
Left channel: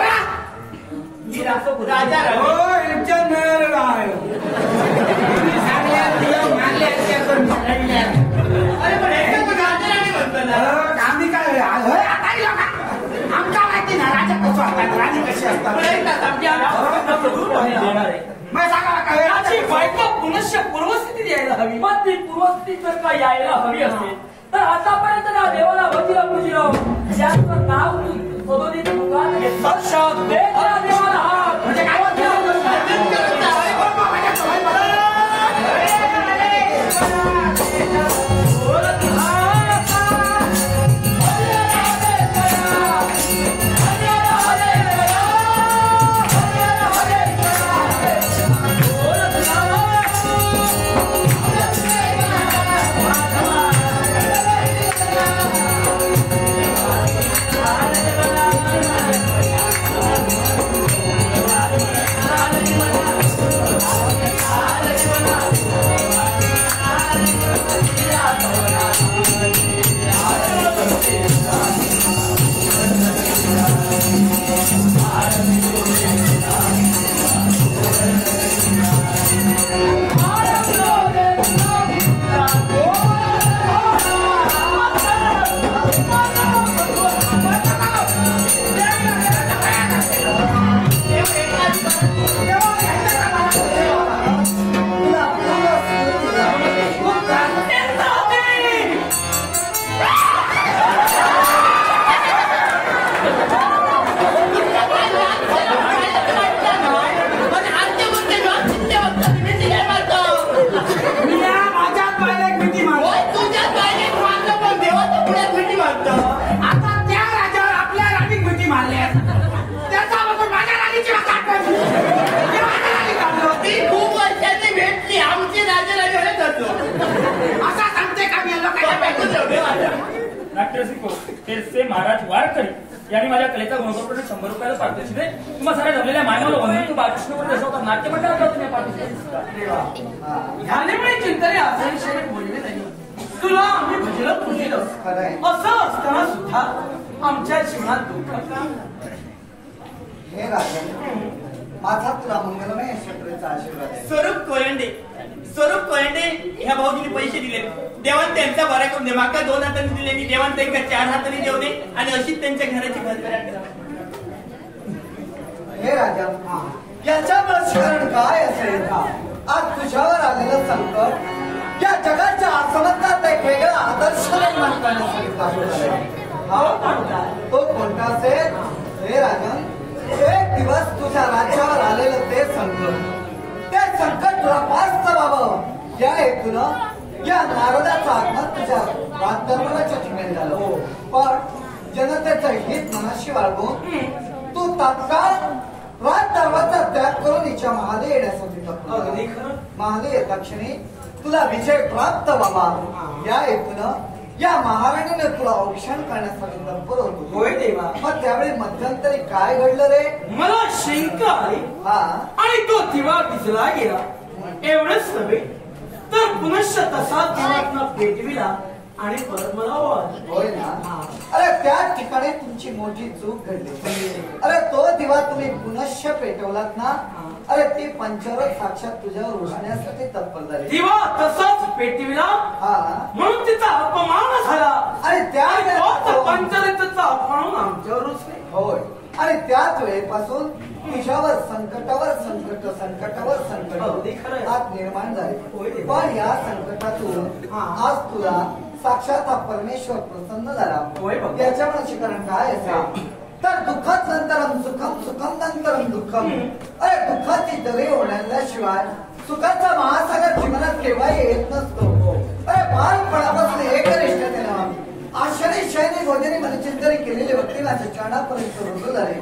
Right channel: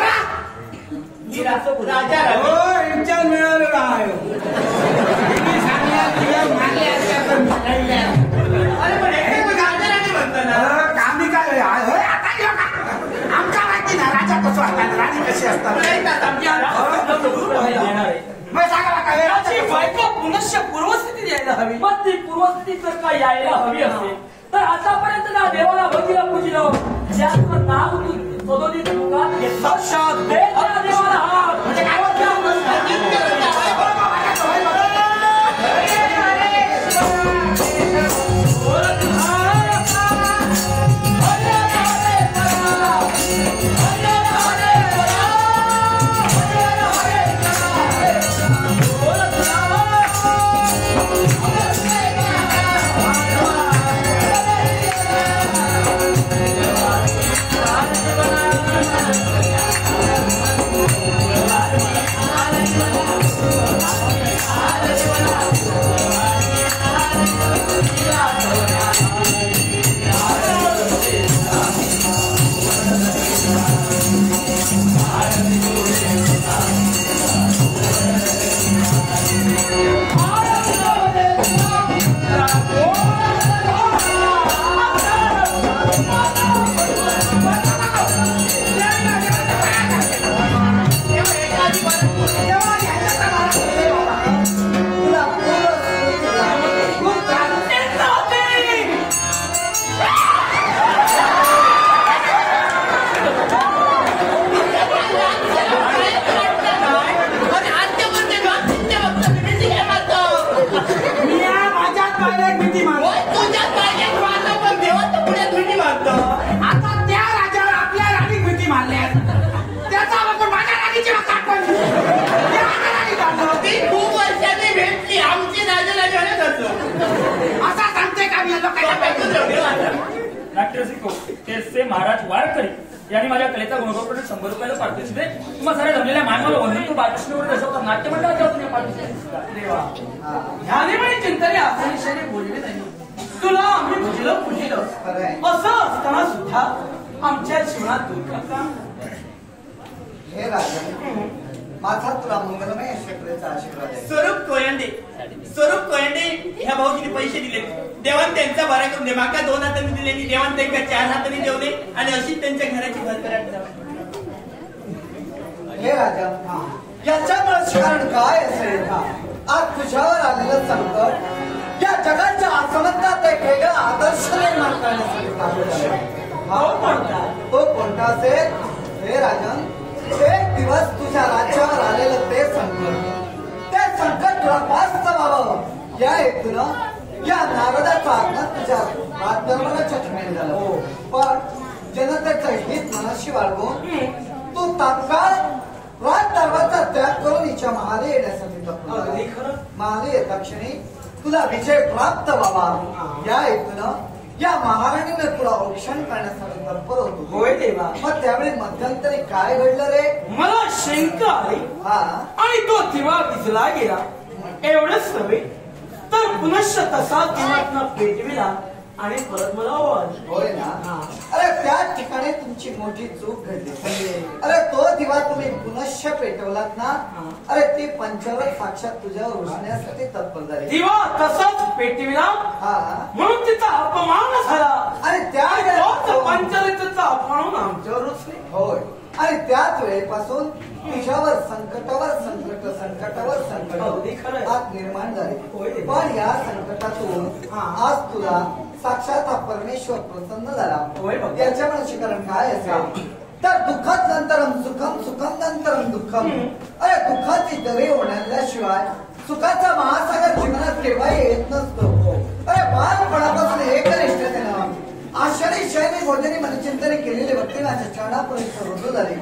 राजा हो इंचन मिळालेला आहे. अरे पण हे पण राजाराणी म्हणतं ना. आम्ही काय आता आमच्या माहिती ना राजा कसं असतात राणी कशी असतात पण एकदा समजा. देणार आहे. मग सांगा काय याची बायको पुनश्च पूर्वस्थिती यायला हवी. मग ती पूर्वस्थिती जर का यायला हवी असेल तर आतापर्यंत ना देवाला भक्तीला पूजिलो ज्याचं नाव तू सदोदित मुखात घेतलं ते त्या देवाला हात. म्हणजे काय नाट्यरसिक ते महाराज वारकरी यांनी माझ्या कलेचा गुणवत्ता 100 रुपयाला पारितोषिक दिले. तुम्हा साऱ्या जमलेल्या मायमाला वंदन तू बालकृष्णवर रसवतात नाट्य मंडळात पारितोषिक. ह्याने म्हणे चिंतने असे विषयाने बोलले नाही. तुला आम्ही भजलं पुढेलं असं असताना सुद्धा आमच्या जीवनात दुःख काम. हे राजा माझा तुला मंगलमय शक्तीचा आशीर्वाद आहे. स्वरूप कोयंडे ह्या भाऊजीने पैसे दिले. देवान त्यांचा बरा करून दे. माका 2 हातांनी दिलेली देवान त्यांना 4 हातांनी देऊ दे आणि अशीच त्यांच्या घराची भरभराट करावी. हे राजा याच्यामुळे कारण काय असेल का आज तुझ्यावर आलेलं संकट या जगाच्या आसमंतात एक वेगळा आदर्श निर्माण करण्यासाठी लागू झाले. तो कोणता असेल? हे राजन एक दिवस तुझ्या राज्यावर आलेलं ते संकट तुला पास्त व्हावं या हेतूनं या नारदाचं आगमन तुझ्या राजदरबाराच्या ठिकाणी झालं. पण जनतेचं हित मनाशी बाळगून तू तात्काळ राजदरबाराचा त्याग करून हिच्या महाले येण्यासाठी तत्पर. महाले येता क्षणी तुला विजय प्राप्त व्हावा या हेतूनं या महाराणीने तुला औक्षण करण्यासाठी तत्पर होतो. होय देवा. मग त्यावेळी मध्यंतरी काय घडलं रे? मला शंका आली आणि तो दिवा विजला गेला. एवढंच नव्हे तर पुनश्च तसा दिवातनं पेटविला आणि परत मला ओळखलं. होय ना? अरे त्या ठिकाणी तुमची मोठी चूक घडली. अरे तो दिवा तुम्ही पुनश्च पेटवलात ना. अरे ती पंचरथ साक्षात तुझ्यावर रुजण्यासाठी तत्पर झाली. दिवा तसाच पेटविला म्हणून तिचा अपमान झाला आणि त्या पंचरथाचा अपमान आमच्यावर रुजले. होय आणि त्याच वेळेपासून तुझ्यावर संकटावर संकट आज निर्माण झाले. पण या संकटातून आज तुला साक्षात हा परमेश्वर प्रसन्न झाला. होय बाबा. त्याच्या मनाचे कारण काय असेल तर दुःखात नंतरम सुखम, सुखम नंतरम दुःखम. अरे दुःखाची दरी ओढल्याशिवाय सुखाचा महासागर जीवनात केव्हा येत नसतो. अरे बालपणापासून एकनिष्ठतेनं आश्चर्य शैली भोजनी मनचिंतने केलेले व्यक्ती माझ्या चरणापर्यंत रुजू झाले.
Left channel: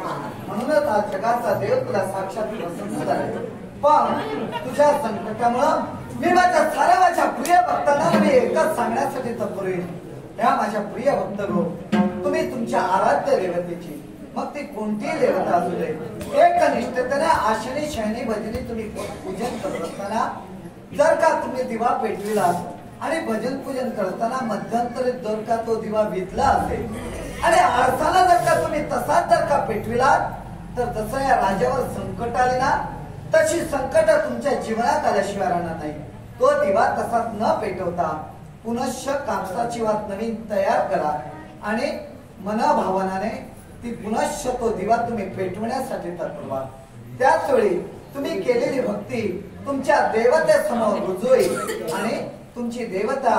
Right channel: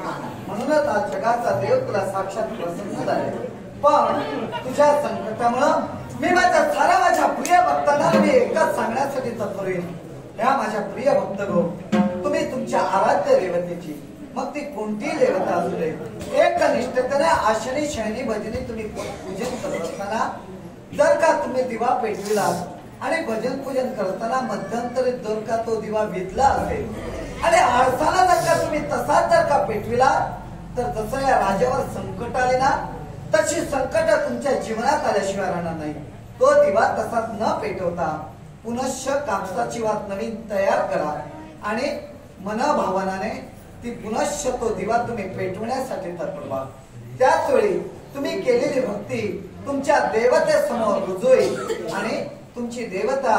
म्हणूनच आज जगाचा देव तुला साक्षात प्रसन्न झाले. पण तुझ्या संकटामुळं मी माझ्या प्रिय भक्तांना मी एकच सांगण्यासाठी तत्पर होईल. ह्या माझ्या प्रिय भक्त गो, तुम्ही तुमच्या आराध्य देवतेची, मग ती कोणतीही देवता असू दे, एक निष्ठतेने आशनी शयनी भजनी तुम्ही पूजन करत असताना जर का तुम्ही दिवा पेटविला आणि भजन पूजन करताना मध्यंतरी जर का तो दिवा विझला असेल आणि आरसाला जर का तुम्ही तसाच जर का पेटविला तर जसं या राजावर संकट आले ना तशी संकट तुमच्या जीवनात आल्याशिवाय राहणार नाही. तो दिवा तसाच न पेटवता पुनश्च कापसाची वात नवीन तयार करा आणि मनभावनाने ती पुनश्च तो दिवा तुम्ही पेटवण्यासाठी तत्पर व्हा. त्याच वेळी तुम्ही केलेली भक्ती तुमच्या देवतेसमोर रुजू होईल आणि तुमची देवता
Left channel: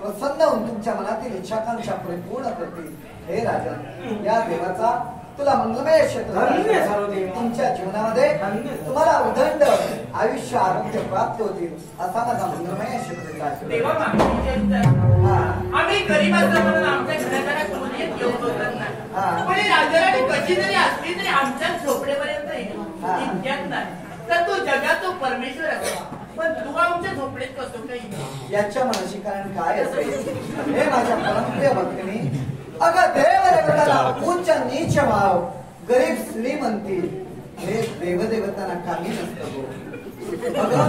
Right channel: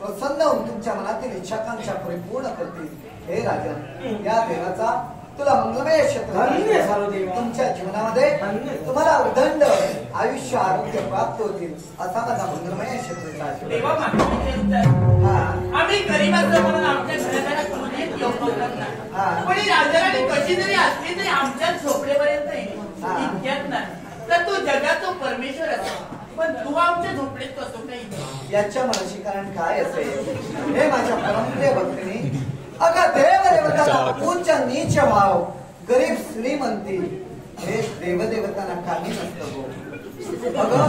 प्रसन्न होऊन तुमच्या मनातील इच्छाकांक्षा परिपूर्ण करतील. हे राजन, या देवाचा तुला मंगलमय क्षेत्र तुमच्या जीवनामध्ये तुम्हाला उदंड आयुष्य आरोग्य प्राप्त होतील असा माझा मंगलमय क्षेत्र. देवा आम्ही गरीब असलो म्हणून आमच्या घराच्या मुली येऊ शकत नाही. पण राजाराणी कशी जरी असली तरी आमच्या झोपडेपर्यंत इतक्यात नाही. तर तू जगाचा परमेश्वर असा पण तू आमच्या झोपडेत कसं काही. याच्या मनाशी कारण काय असेल हे माझ्या परमप्रिय भक्तीने अगं देवदेवताला उच्च नीच भाव गरीब श्रीमंती हे देवदेवतांना काही नसतं. अगं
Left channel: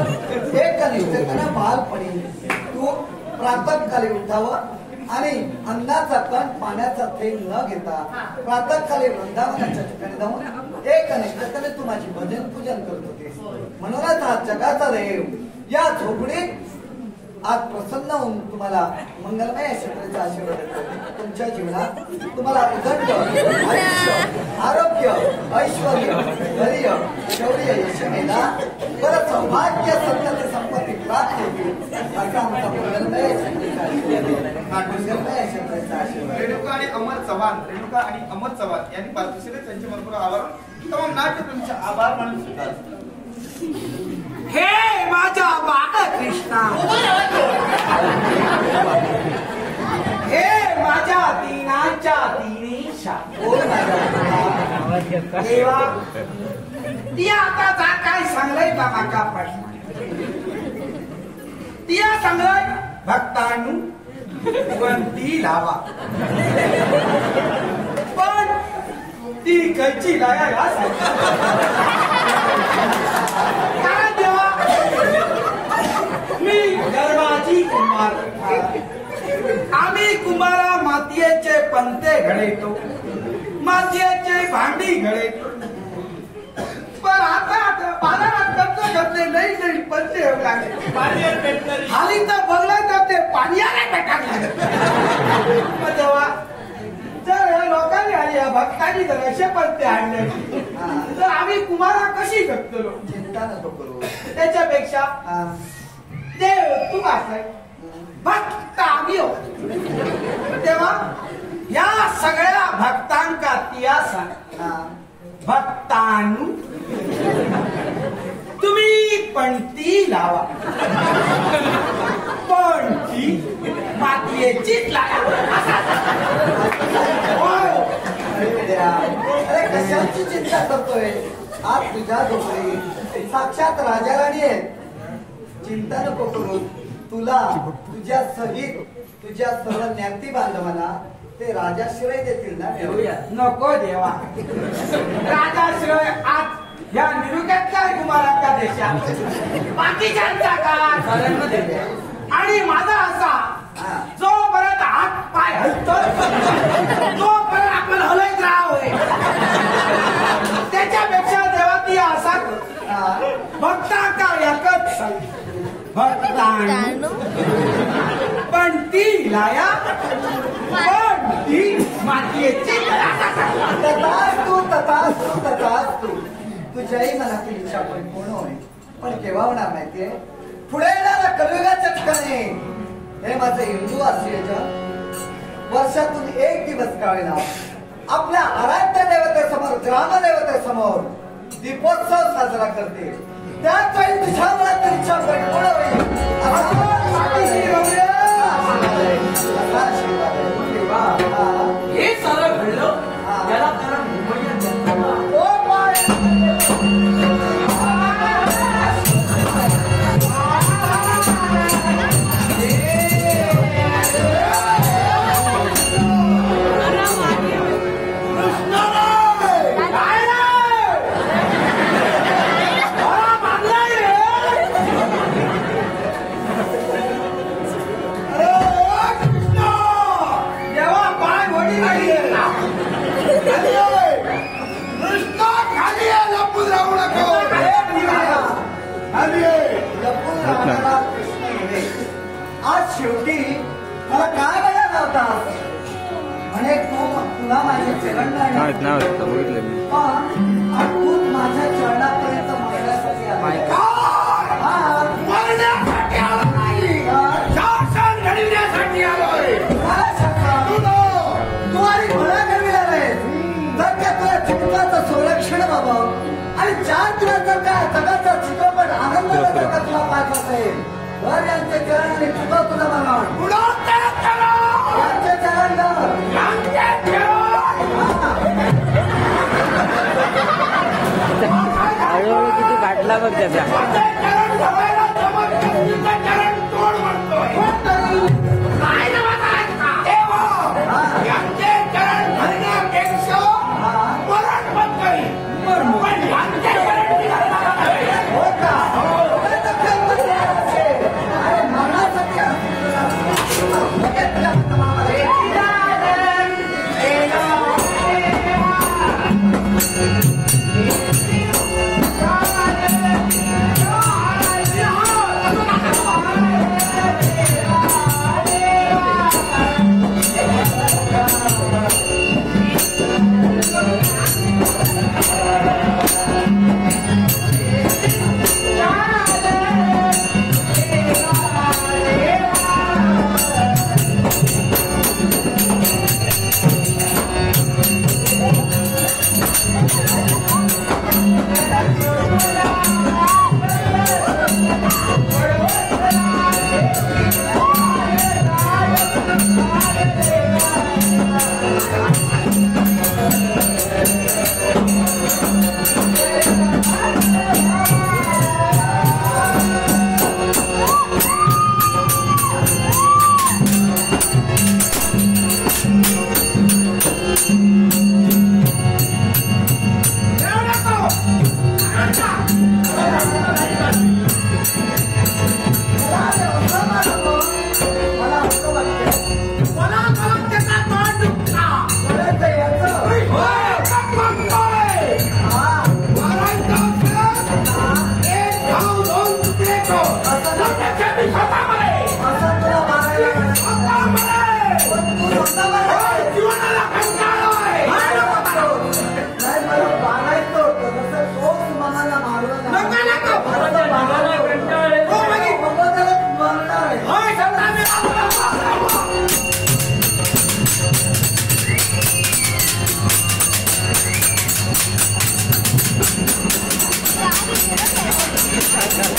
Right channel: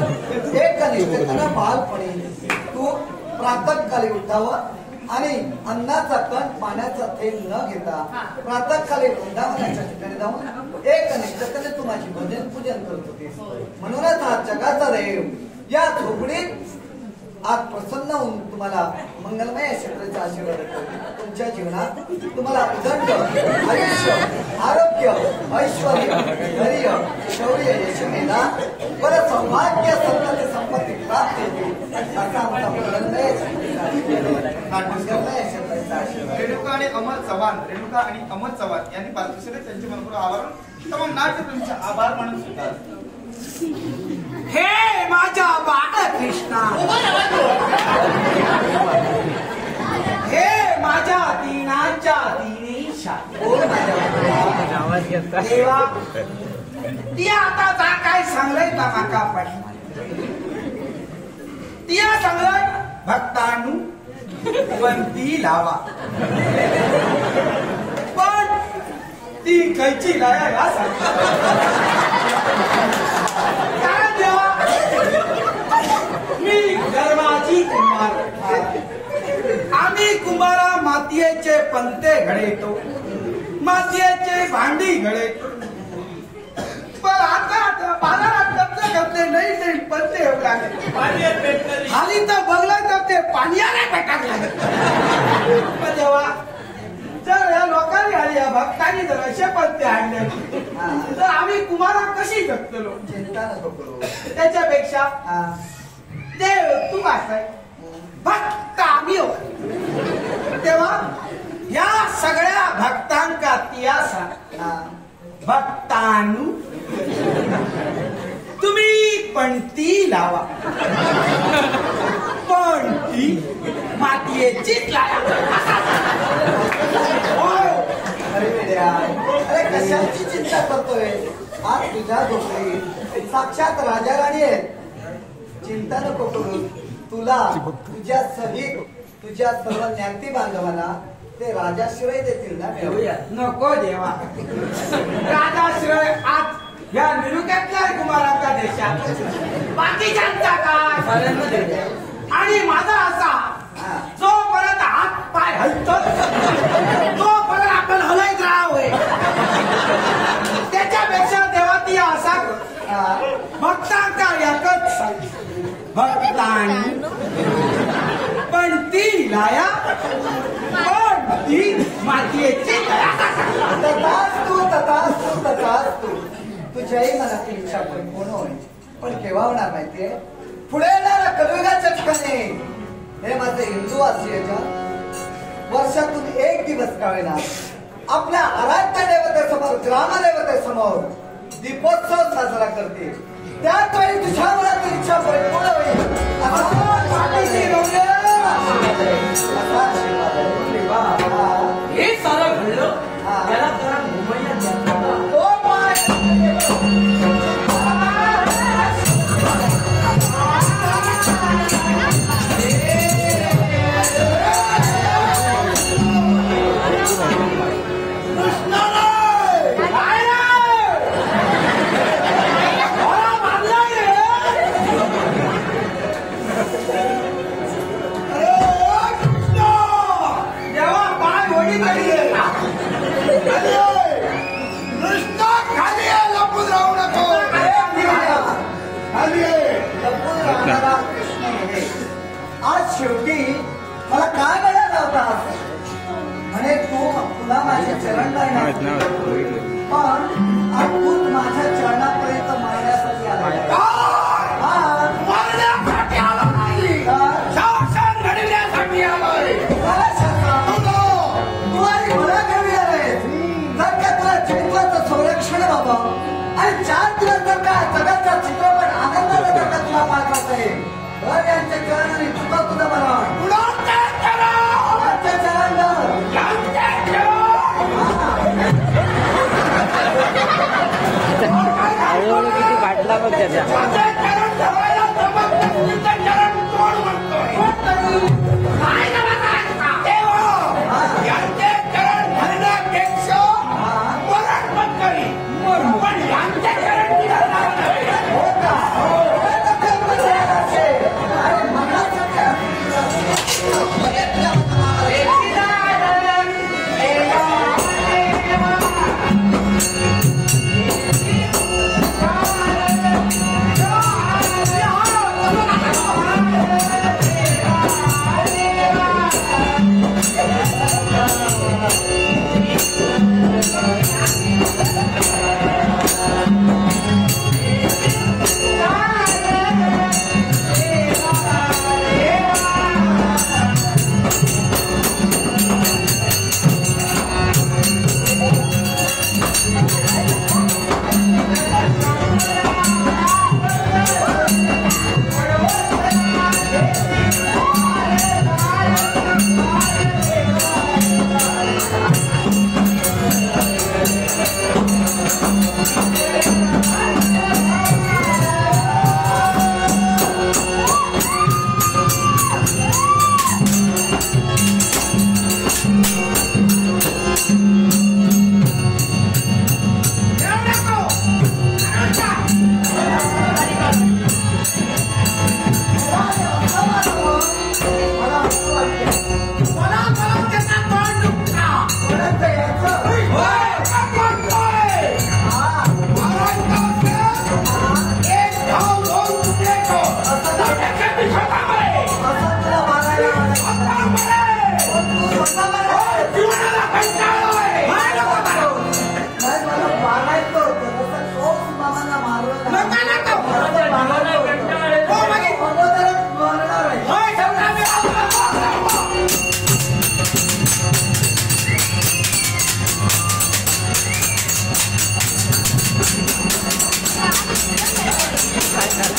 एक निष्ठतेनं बालपणी तू प्रातःकाली उठावं आणि अन्नाचा कण पाण्याचा थेंब न घेता प्रातःकाली वृंदावनाच्या ठिकाणी जाऊन एक निष्ठतेने तू माझी भजन पूजन करत होती. म्हणूनच आज जगाचा देव या झोपडीत आज प्रसन्न होऊन तुम्हाला मंगलमय क्षेत्राचा आशीर्वाद देतो. तुमच्या जीवनात तुम्हाला उदंड आयुष्य आरोग्य ऐश्वर्य धैर्य शौर्य यशमेधा बरं सौभाग्य संतती संपत्ती प्राप्त होतील असा आमचा मंगलमय क्षेत्राचा आशीर्वाद. रेणुका आणि अमर चव्हाण, रेणुका आणि अमर चव्हाण यांनी पार्थिवले त्यांचे मनपूर्वक आभार तमाम नाट्यप्रेमीचे आभार मानून स्वीकारले. हे माझ्या बाळकृष्णा, हे माझ्या दीनाच्या दिनेशा, देवा ती आता जा काय सांगलंय का माका पाहिजे तिया सांगलंय भक्तांनू वंती लावा. पण ती खयची लाया मी गर्वाची कुंभार, आम्ही कुंभारा मातीयेचे पंते घडतो, मातीयेचे भांडी घडतो. पण आता बाजारात खर्च करते नाही तरी पंते येऊ लागले. खाली तर बघलं तर ते पाण्याला भेटायला लागत. पण तेव्हा जर या लोकांनी आली या भक्तांनी जर असे पंते आणले तर आम्ही कुंभारा कशी जगतलो. चिंता नको करू. त्याच्यापेक्षा देव तू असाय भक्त आम्ही हो. तेव्हा या सगळ्या भक्तांका तिया सांग भक्तांनू तुम्ही पणती लावा, पणती मातीयेचीच लावा. अरे कशाची चिंता करतोय. आज तुझ्या झोपडी साक्षात राजा राणी आहेत. चिंता नको करू. तुला तुझ्या सहित तुझ्या सर्व ज्ञाती बांधवांना ते राजाश्रय देतील ना. नको देवा, राजाश्रय आज या निरुक्याच्या कुमारांच्या देशात बाकीच्यांचा काय आणि माझा असा जोपर्यंत हात पाय हलतो तोपर्यंत आपण हलत राहावे. त्याच्यापेक्षा देवा ती असा भक्तांचा एकच भक्तांनी पण ती लाया पण ती मातीयेची तथास्तु तथास्तु तथास्तु. तुझ्याही मनातील इच्छा परिपूर्ण होईल. पण केव्हा होणार माहितीये पुढे येणाऱ्या कलियुगाच्या ठिकाणी हे माझे हिंदूवासीयच्या वर्षातून एक दिवस का होईना आपल्या आराध्य देवतेसमोर ग्रामदेवतेसमोर दीपोत्सव साजरा करते. त्याच वेळी तुझ्या मनात इच्छा परिपूर्ण होईल हे सारं घडलं त्याला जरा मुंबईला आज शेवटी मला काय मिळाला होता म्हणे तुला माझे चरण नाही पण आज तूच माझ्या चरणापर्यंत मारण्यासाठी आला. संरक्षण व्हावं आणि 4 दिवस जर का जगाचा चित्रपट आनंदाला जर का तुला पाहायचा असेल तर यांचे चरण आणि चुका तुला मला हळूहळू किती वाटला पण त्याचा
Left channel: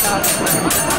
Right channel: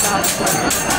Gracias.